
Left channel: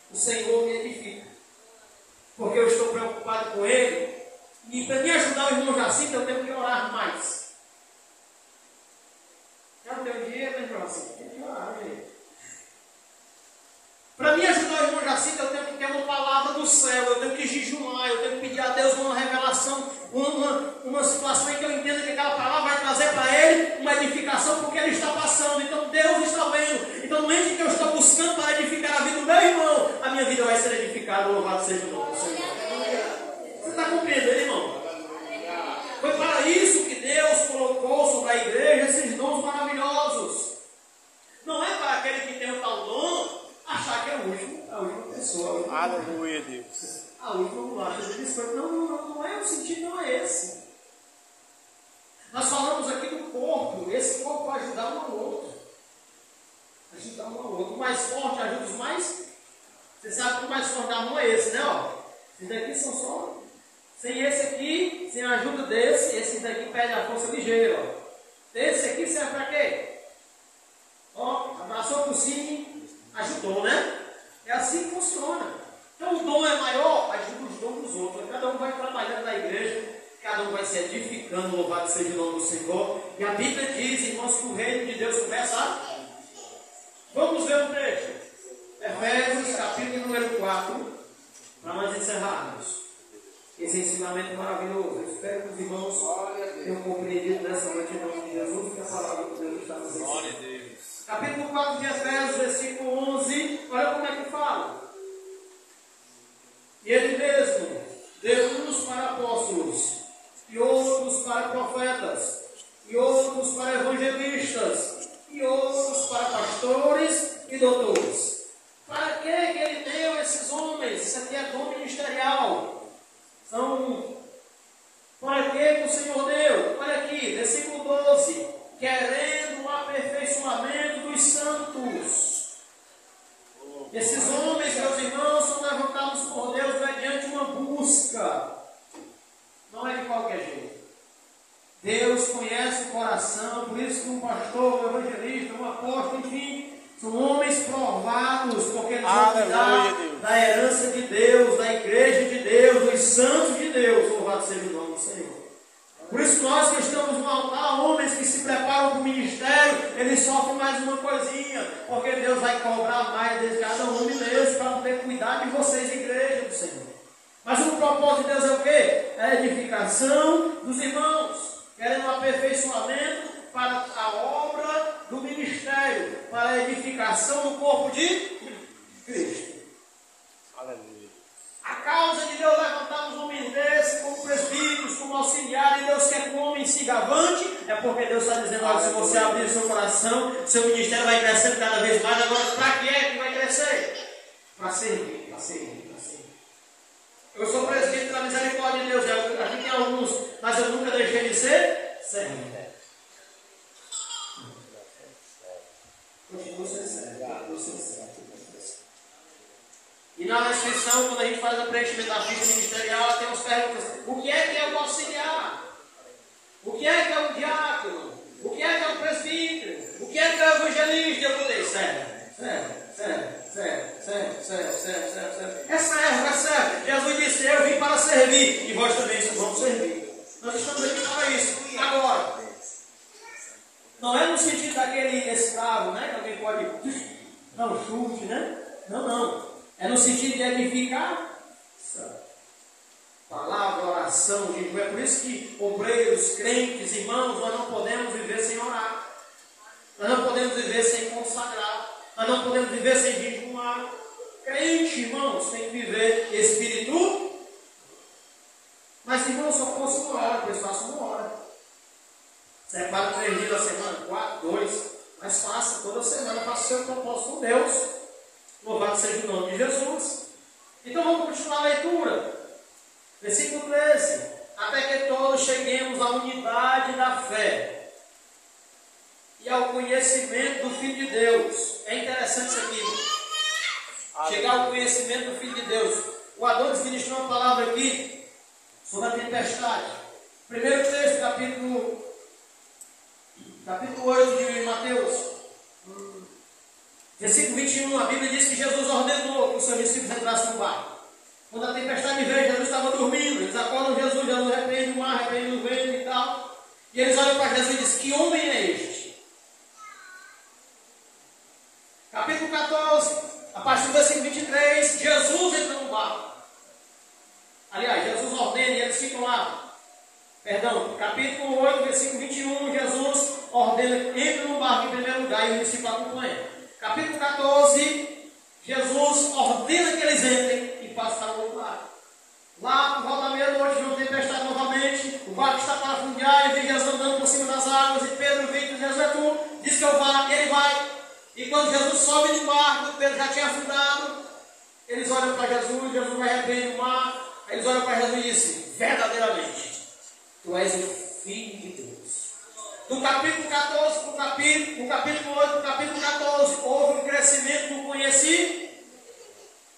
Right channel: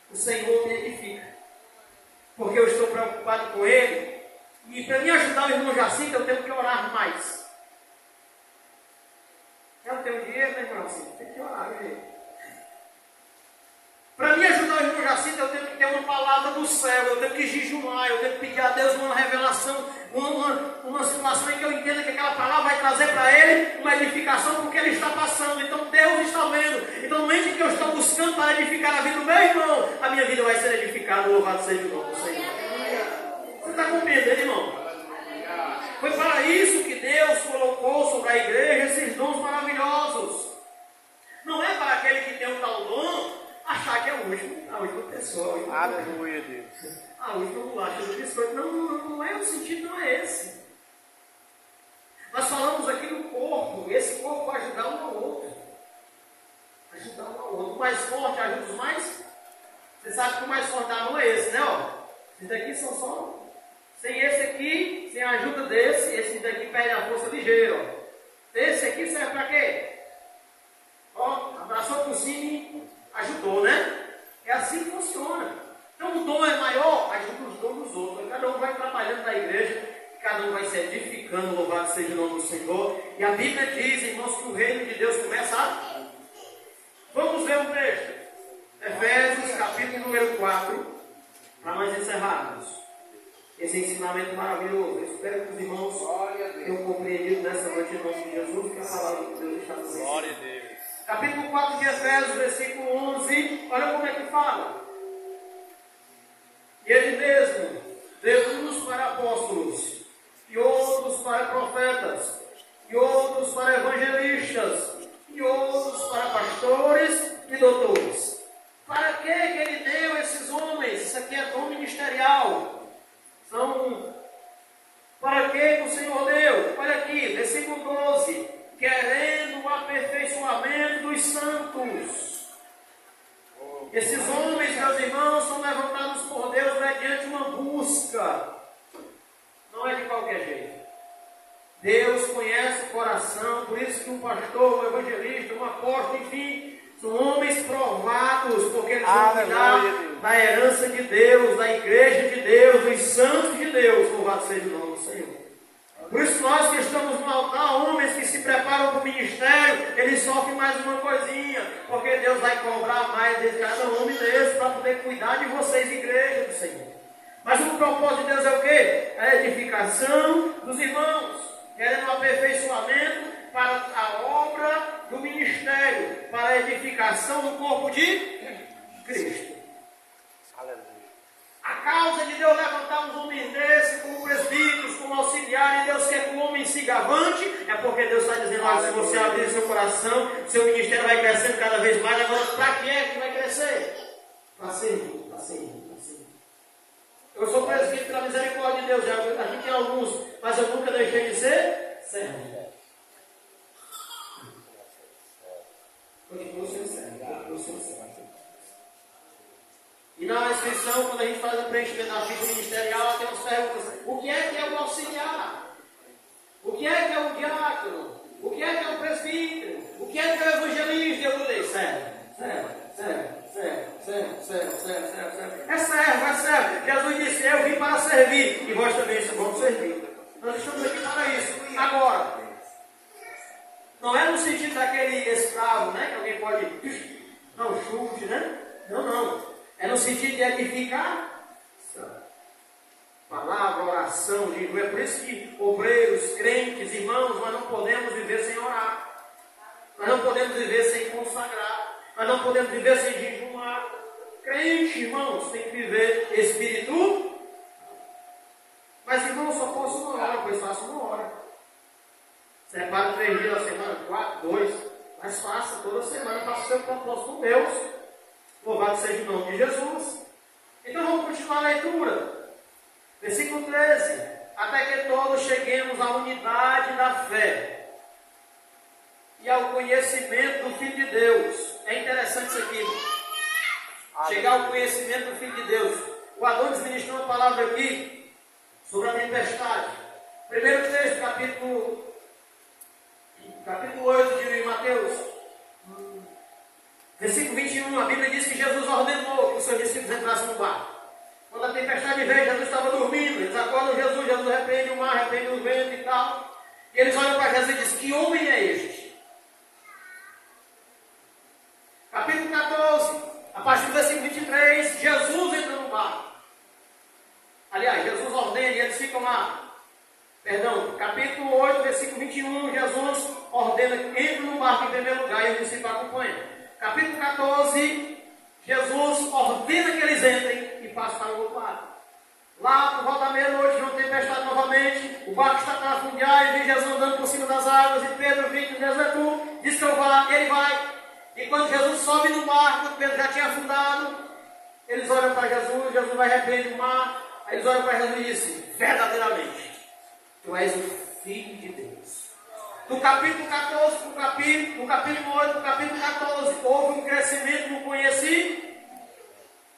O Senhor me edifica. Porque eu estou preocupado com ele. E para me ajudar o irmão Jacinto, eu tenho que orar mais. Eu não tenho dinheiro, né, irmão Jacinto? Tem que orar, gente. Para me ajudar o irmão Jacinto, eu tenho que ter uma palavra do céu, eu tenho que jejuar, eu tenho que pedir a Deus uma revelação, uma situação em que eu entenda que aquela palavra vai trazer para ele uma edificação, porque ele está passando. Então Deus está vendo. Então, no momento que eu estou buscando para edificar a vida do meu irmão, a minha vida vai ser edificada, louvado seja o nome do Senhor. Você está compreendendo, irmão? Foi para isso que Deus colocou sobre a igreja esses dons maravilhosos. Não é para aquele que tem um tal dom achar que é a última pessoa. Aleluia, Deus. A última bolacha do biscoito. Não é o sentido, não é esse. Nós falamos aqui do corpo. Esse corpo vai ajudar um ao outro. Ajudar um ao outro. O mais forte ajuda os mais. Você sabe que o mais forte da mão é esse, né? Ó. Esses daqui são só. Sem esse aqui, sem a ajuda desse, esse daqui perde a força ligeira. Ó. Esse aqui serve para quê? Ó, abraçou por cima. Ajudou, né? É assim que funciona. Então o dom é maior, ajuda os dons dos outros. Cada um vai trabalhando na igreja, cada um vai se edificando, louvado seja o nome do Senhor. E a Bíblia diz, irmãos, que o reino de Deus começa a... Vamos ver um texto. Efésios, capítulo número 4, para nós encerrarmos esse ensinamento maravilhoso. Eu espero que os irmãos tenham compreendido nessa noite em nome de Jesus, que a palavra de Deus está nos ensinando. Capítulo 4 de Efésios, versículo 11, olha como é que fala. E ele mesmo deu uns para apóstolos, e outros para profetas, e outros para evangelistas, e outros para pastores e doutores. Para que ele deu esses homens? Isso aqui é dom ministerial. Para que o Senhor deu? Olha aqui, versículo 12. Querendo o aperfeiçoamento dos santos. Esses homens, meus irmãos, são levantados por Deus mediante uma busca. Não é de qualquer jeito. Deus conhece o coração, por isso que um pastor, um evangelista, um apóstolo, enfim, são homens provados, porque eles vão cuidar da herança de Deus, da igreja de Deus, dos santos de Deus. Louvado seja o nome do Senhor. Por isso nós que estamos no altar, homens que se preparam para o ministério, eles sofrem mais uma coisinha, porque Deus vai cobrar mais de cada homem mesmo, para poder cuidar de vocês, igreja do Senhor. Mas o propósito de Deus é o quê? A edificação dos irmãos, querendo um aperfeiçoamento para a obra do ministério, para a edificação do corpo de Cristo. Aleluia. A causa de Deus levantar uns homens desses, como presbíteros, como auxiliares, Deus quer que o homem siga avante, é porque Deus está dizendo, olha, se você abrir seu coração, seu ministério vai crescendo cada vez mais. Agora, para que é que vai crescer? Para servir, para servir, para servir. Eu sou presbítero pela misericórdia de Deus, aqui tem alguns, mas eu nunca deixei de ser servo. Continuo sendo servo. E na inscrição, quando a gente faz a preenchimento da ficha ministerial, tem umas perguntas. O que é o auxiliar? O que é o diácono? O que é o presbítero? O que é o evangelista? Eu mudei. Serve. É servo. Jesus disse, eu vim para servir. E vós também vamos servir. Nós estamos aqui para isso. Agora, não é no sentido daquele escravo, né? Que alguém pode dar um chute, né? Não. É no sentido de edificar. Palavra, oração, jejum. É por isso que obreiros, crentes, irmãos, nós não podemos viver sem orar. Nós não podemos viver sem consagrar. Nós não podemos viver sem jejumar. Crente, irmãos, tem que viver espírito. Mas, irmão, só posso uma hora, pois faço uma hora. Separa 3 dias da semana, 4, 2. Mas faça toda semana, faça o seu propósito com Deus. Louvado seja o nome de Jesus. Então vamos continuar a leitura. Versículo 13. Até que todos cheguemos à unidade da fé e ao conhecimento do Filho de Deus. É interessante isso aqui. Chegar ao conhecimento do Filho de Deus. O Adonis ministrou uma palavra aqui sobre a tempestade. Primeiro texto, capítulo 8 de Mateus. Versículo 21, a Bíblia diz que Jesus ordenou que os seus discípulos entrassem no barco. Quando a tempestade veio, Jesus estava dormindo. Eles acordam Jesus repreende o mar, repreende o vento e tal. E eles olham para Jesus e dizem, que homem é este? Capítulo 14, a partir do versículo 23, Jesus entra no barco. Aliás, Jesus ordena e eles ficam lá. Perdão, capítulo 8, versículo 21, Jesus ordena, entra no barco em primeiro lugar e os discípulos acompanham. Capítulo 14, Jesus ordena que eles entrem e passem para o outro lado. Lá, por volta da meia-noite, não tem tempestade novamente, o barco está a afundar, e vem Jesus andando por cima das águas, e Pedro vem e diz, Jesus é tu, diz que eu vá, e ele vai. E quando Jesus sobe no barco, Pedro já tinha afundado, eles olham para Jesus, Jesus vai repreender o mar, aí eles olham para Jesus e dizem, verdadeiramente, tu és o Filho de Deus. Do capítulo 14 para o capítulo 8 para o capítulo 14, houve um crescimento no conhecimento.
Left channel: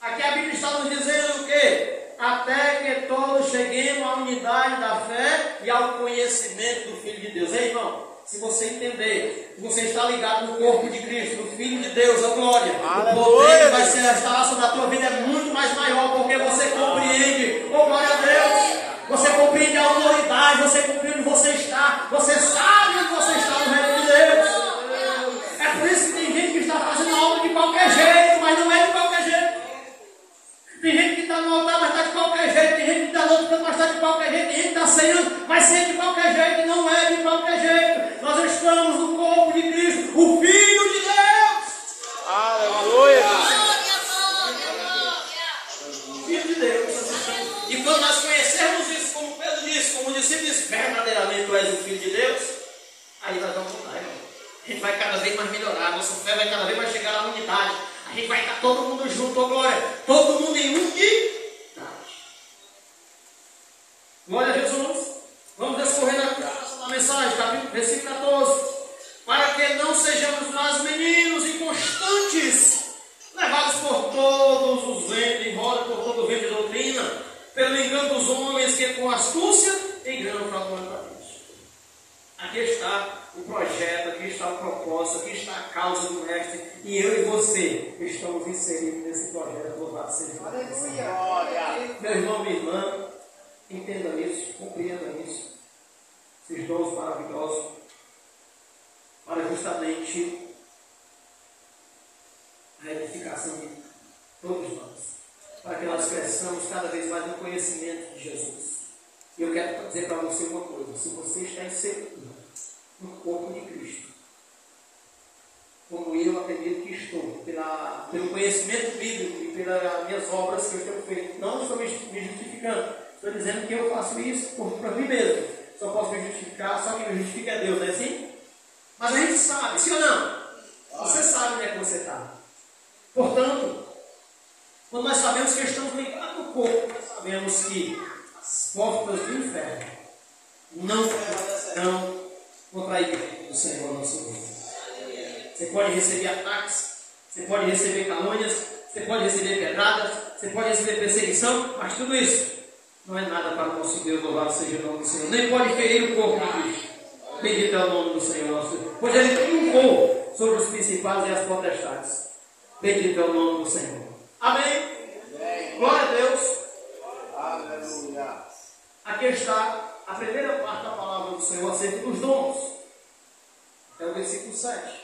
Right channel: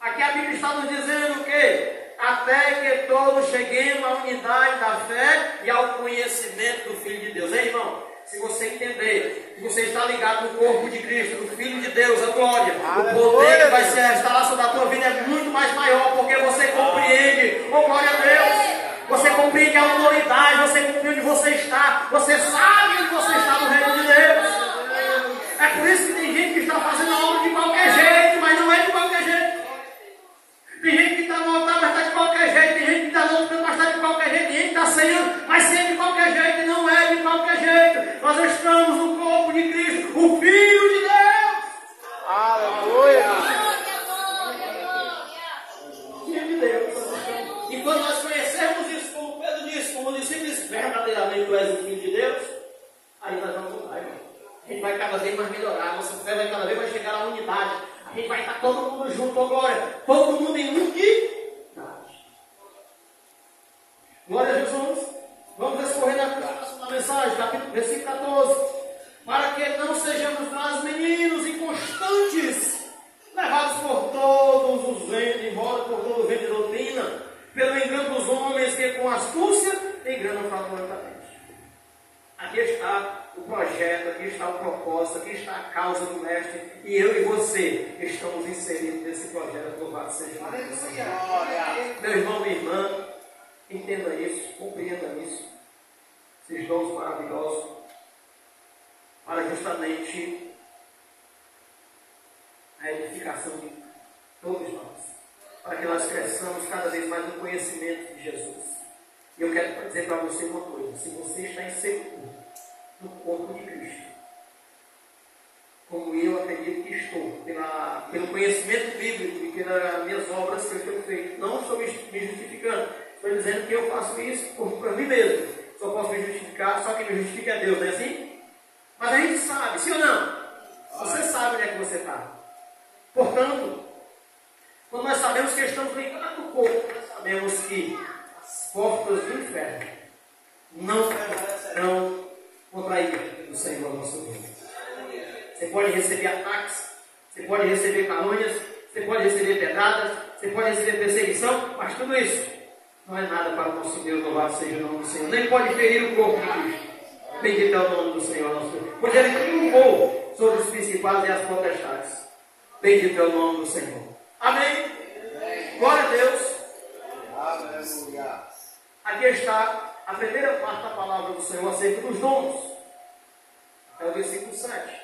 Aqui a Bíblia está nos dizendo o quê? Até que todos cheguemos à unidade da fé e ao conhecimento do Filho de Deus. Ei, irmão, se você entender que você está ligado no corpo de Cristo, do Filho de Deus, a glória, o poder que vai se restaurar sobre a tua vida é muito mais maior, porque você compreende, oh glória a Deus, você compreende a autoridade, você compreende onde você está, você sabe onde você está no reino de Deus. É por isso que tem gente que está fazendo a obra de qualquer jeito, mas não é de qualquer tu és o Filho de Deus, aí nós vamos mudar, irmão. A gente vai cada vez mais melhorar, a nossa fé vai cada vez mais chegar à unidade. A gente vai estar todo mundo junto, ó glória, todo mundo em unidade. Glória a Jesus. Vamos descorrer na mensagem, versículo 14. Para que não sejamos mais meninos inconstantes, levados por todos os ventos, embora por todo o vento de doutrina, pelo engano dos homens que com astúcia enganam fraudulentamente. Aqui está o projeto, aqui está o propósito, aqui está a causa do Mestre, e eu e você estamos inseridos nesse projeto. Louvado seja Deus. Meu irmão, minha irmã, entenda isso, compreenda isso, esses dons maravilhosos, para justamente a edificação de todos nós, para que nós cresçamos cada vez mais no conhecimento de Jesus. E eu quero dizer para você uma coisa: se você está inserido no corpo de Cristo, como eu acredito que estou, pelo conhecimento bíblico e pelas minhas obras que eu tenho feito, não estou me justificando, estou dizendo que eu faço isso para mim mesmo. Só posso me justificar, só quem me justifica é Deus, não é assim? Mas a gente sabe, sim ou não? Você sabe onde é que você está. Portanto, quando nós sabemos que estamos ligados no corpo, nós sabemos que as portas do inferno não prevalecerão contra a igreja do Senhor nosso Deus. Você pode receber ataques, você pode receber calúnias, você pode receber pedradas, você pode receber perseguição, mas tudo isso não é nada para o nosso Deus. Louvado seja o nome do Senhor. Nem pode ferir o corpo de Cristo. Bendito é o nome do Senhor nosso Deus, pois Ele triunfou sobre os principais e as potestades. Bendito é o nome do Senhor. Amém? Glória a Deus. Aleluia. Aqui está a primeira parte da palavra do Senhor acerca dos dons. É o versículo 7.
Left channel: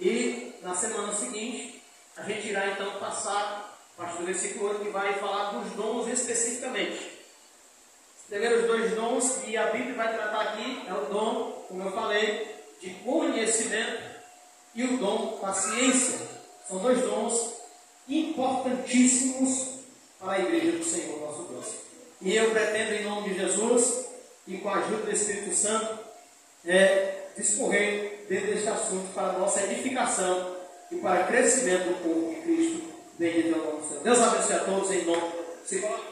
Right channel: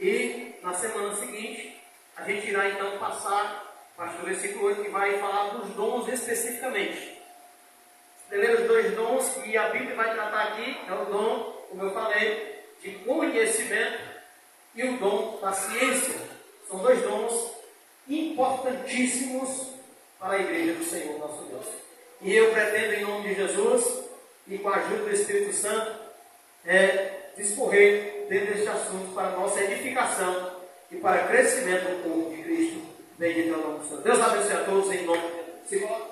E na semana seguinte, a gente irá então passar a partir do versículo 8, que vai falar dos dons especificamente. Os primeiros dois dons que a Bíblia vai tratar aqui é o dom, como eu falei, de conhecimento e o dom da ciência. São dois dons importantíssimos para a igreja do Senhor nosso Deus. E eu pretendo, em nome de Jesus e com a ajuda do Espírito Santo, discorrer dentro deste assunto para a nossa edificação e para crescimento do corpo de Cristo. Bendito é o nome do Senhor. Deus abençoe a todos em nome de Jesus.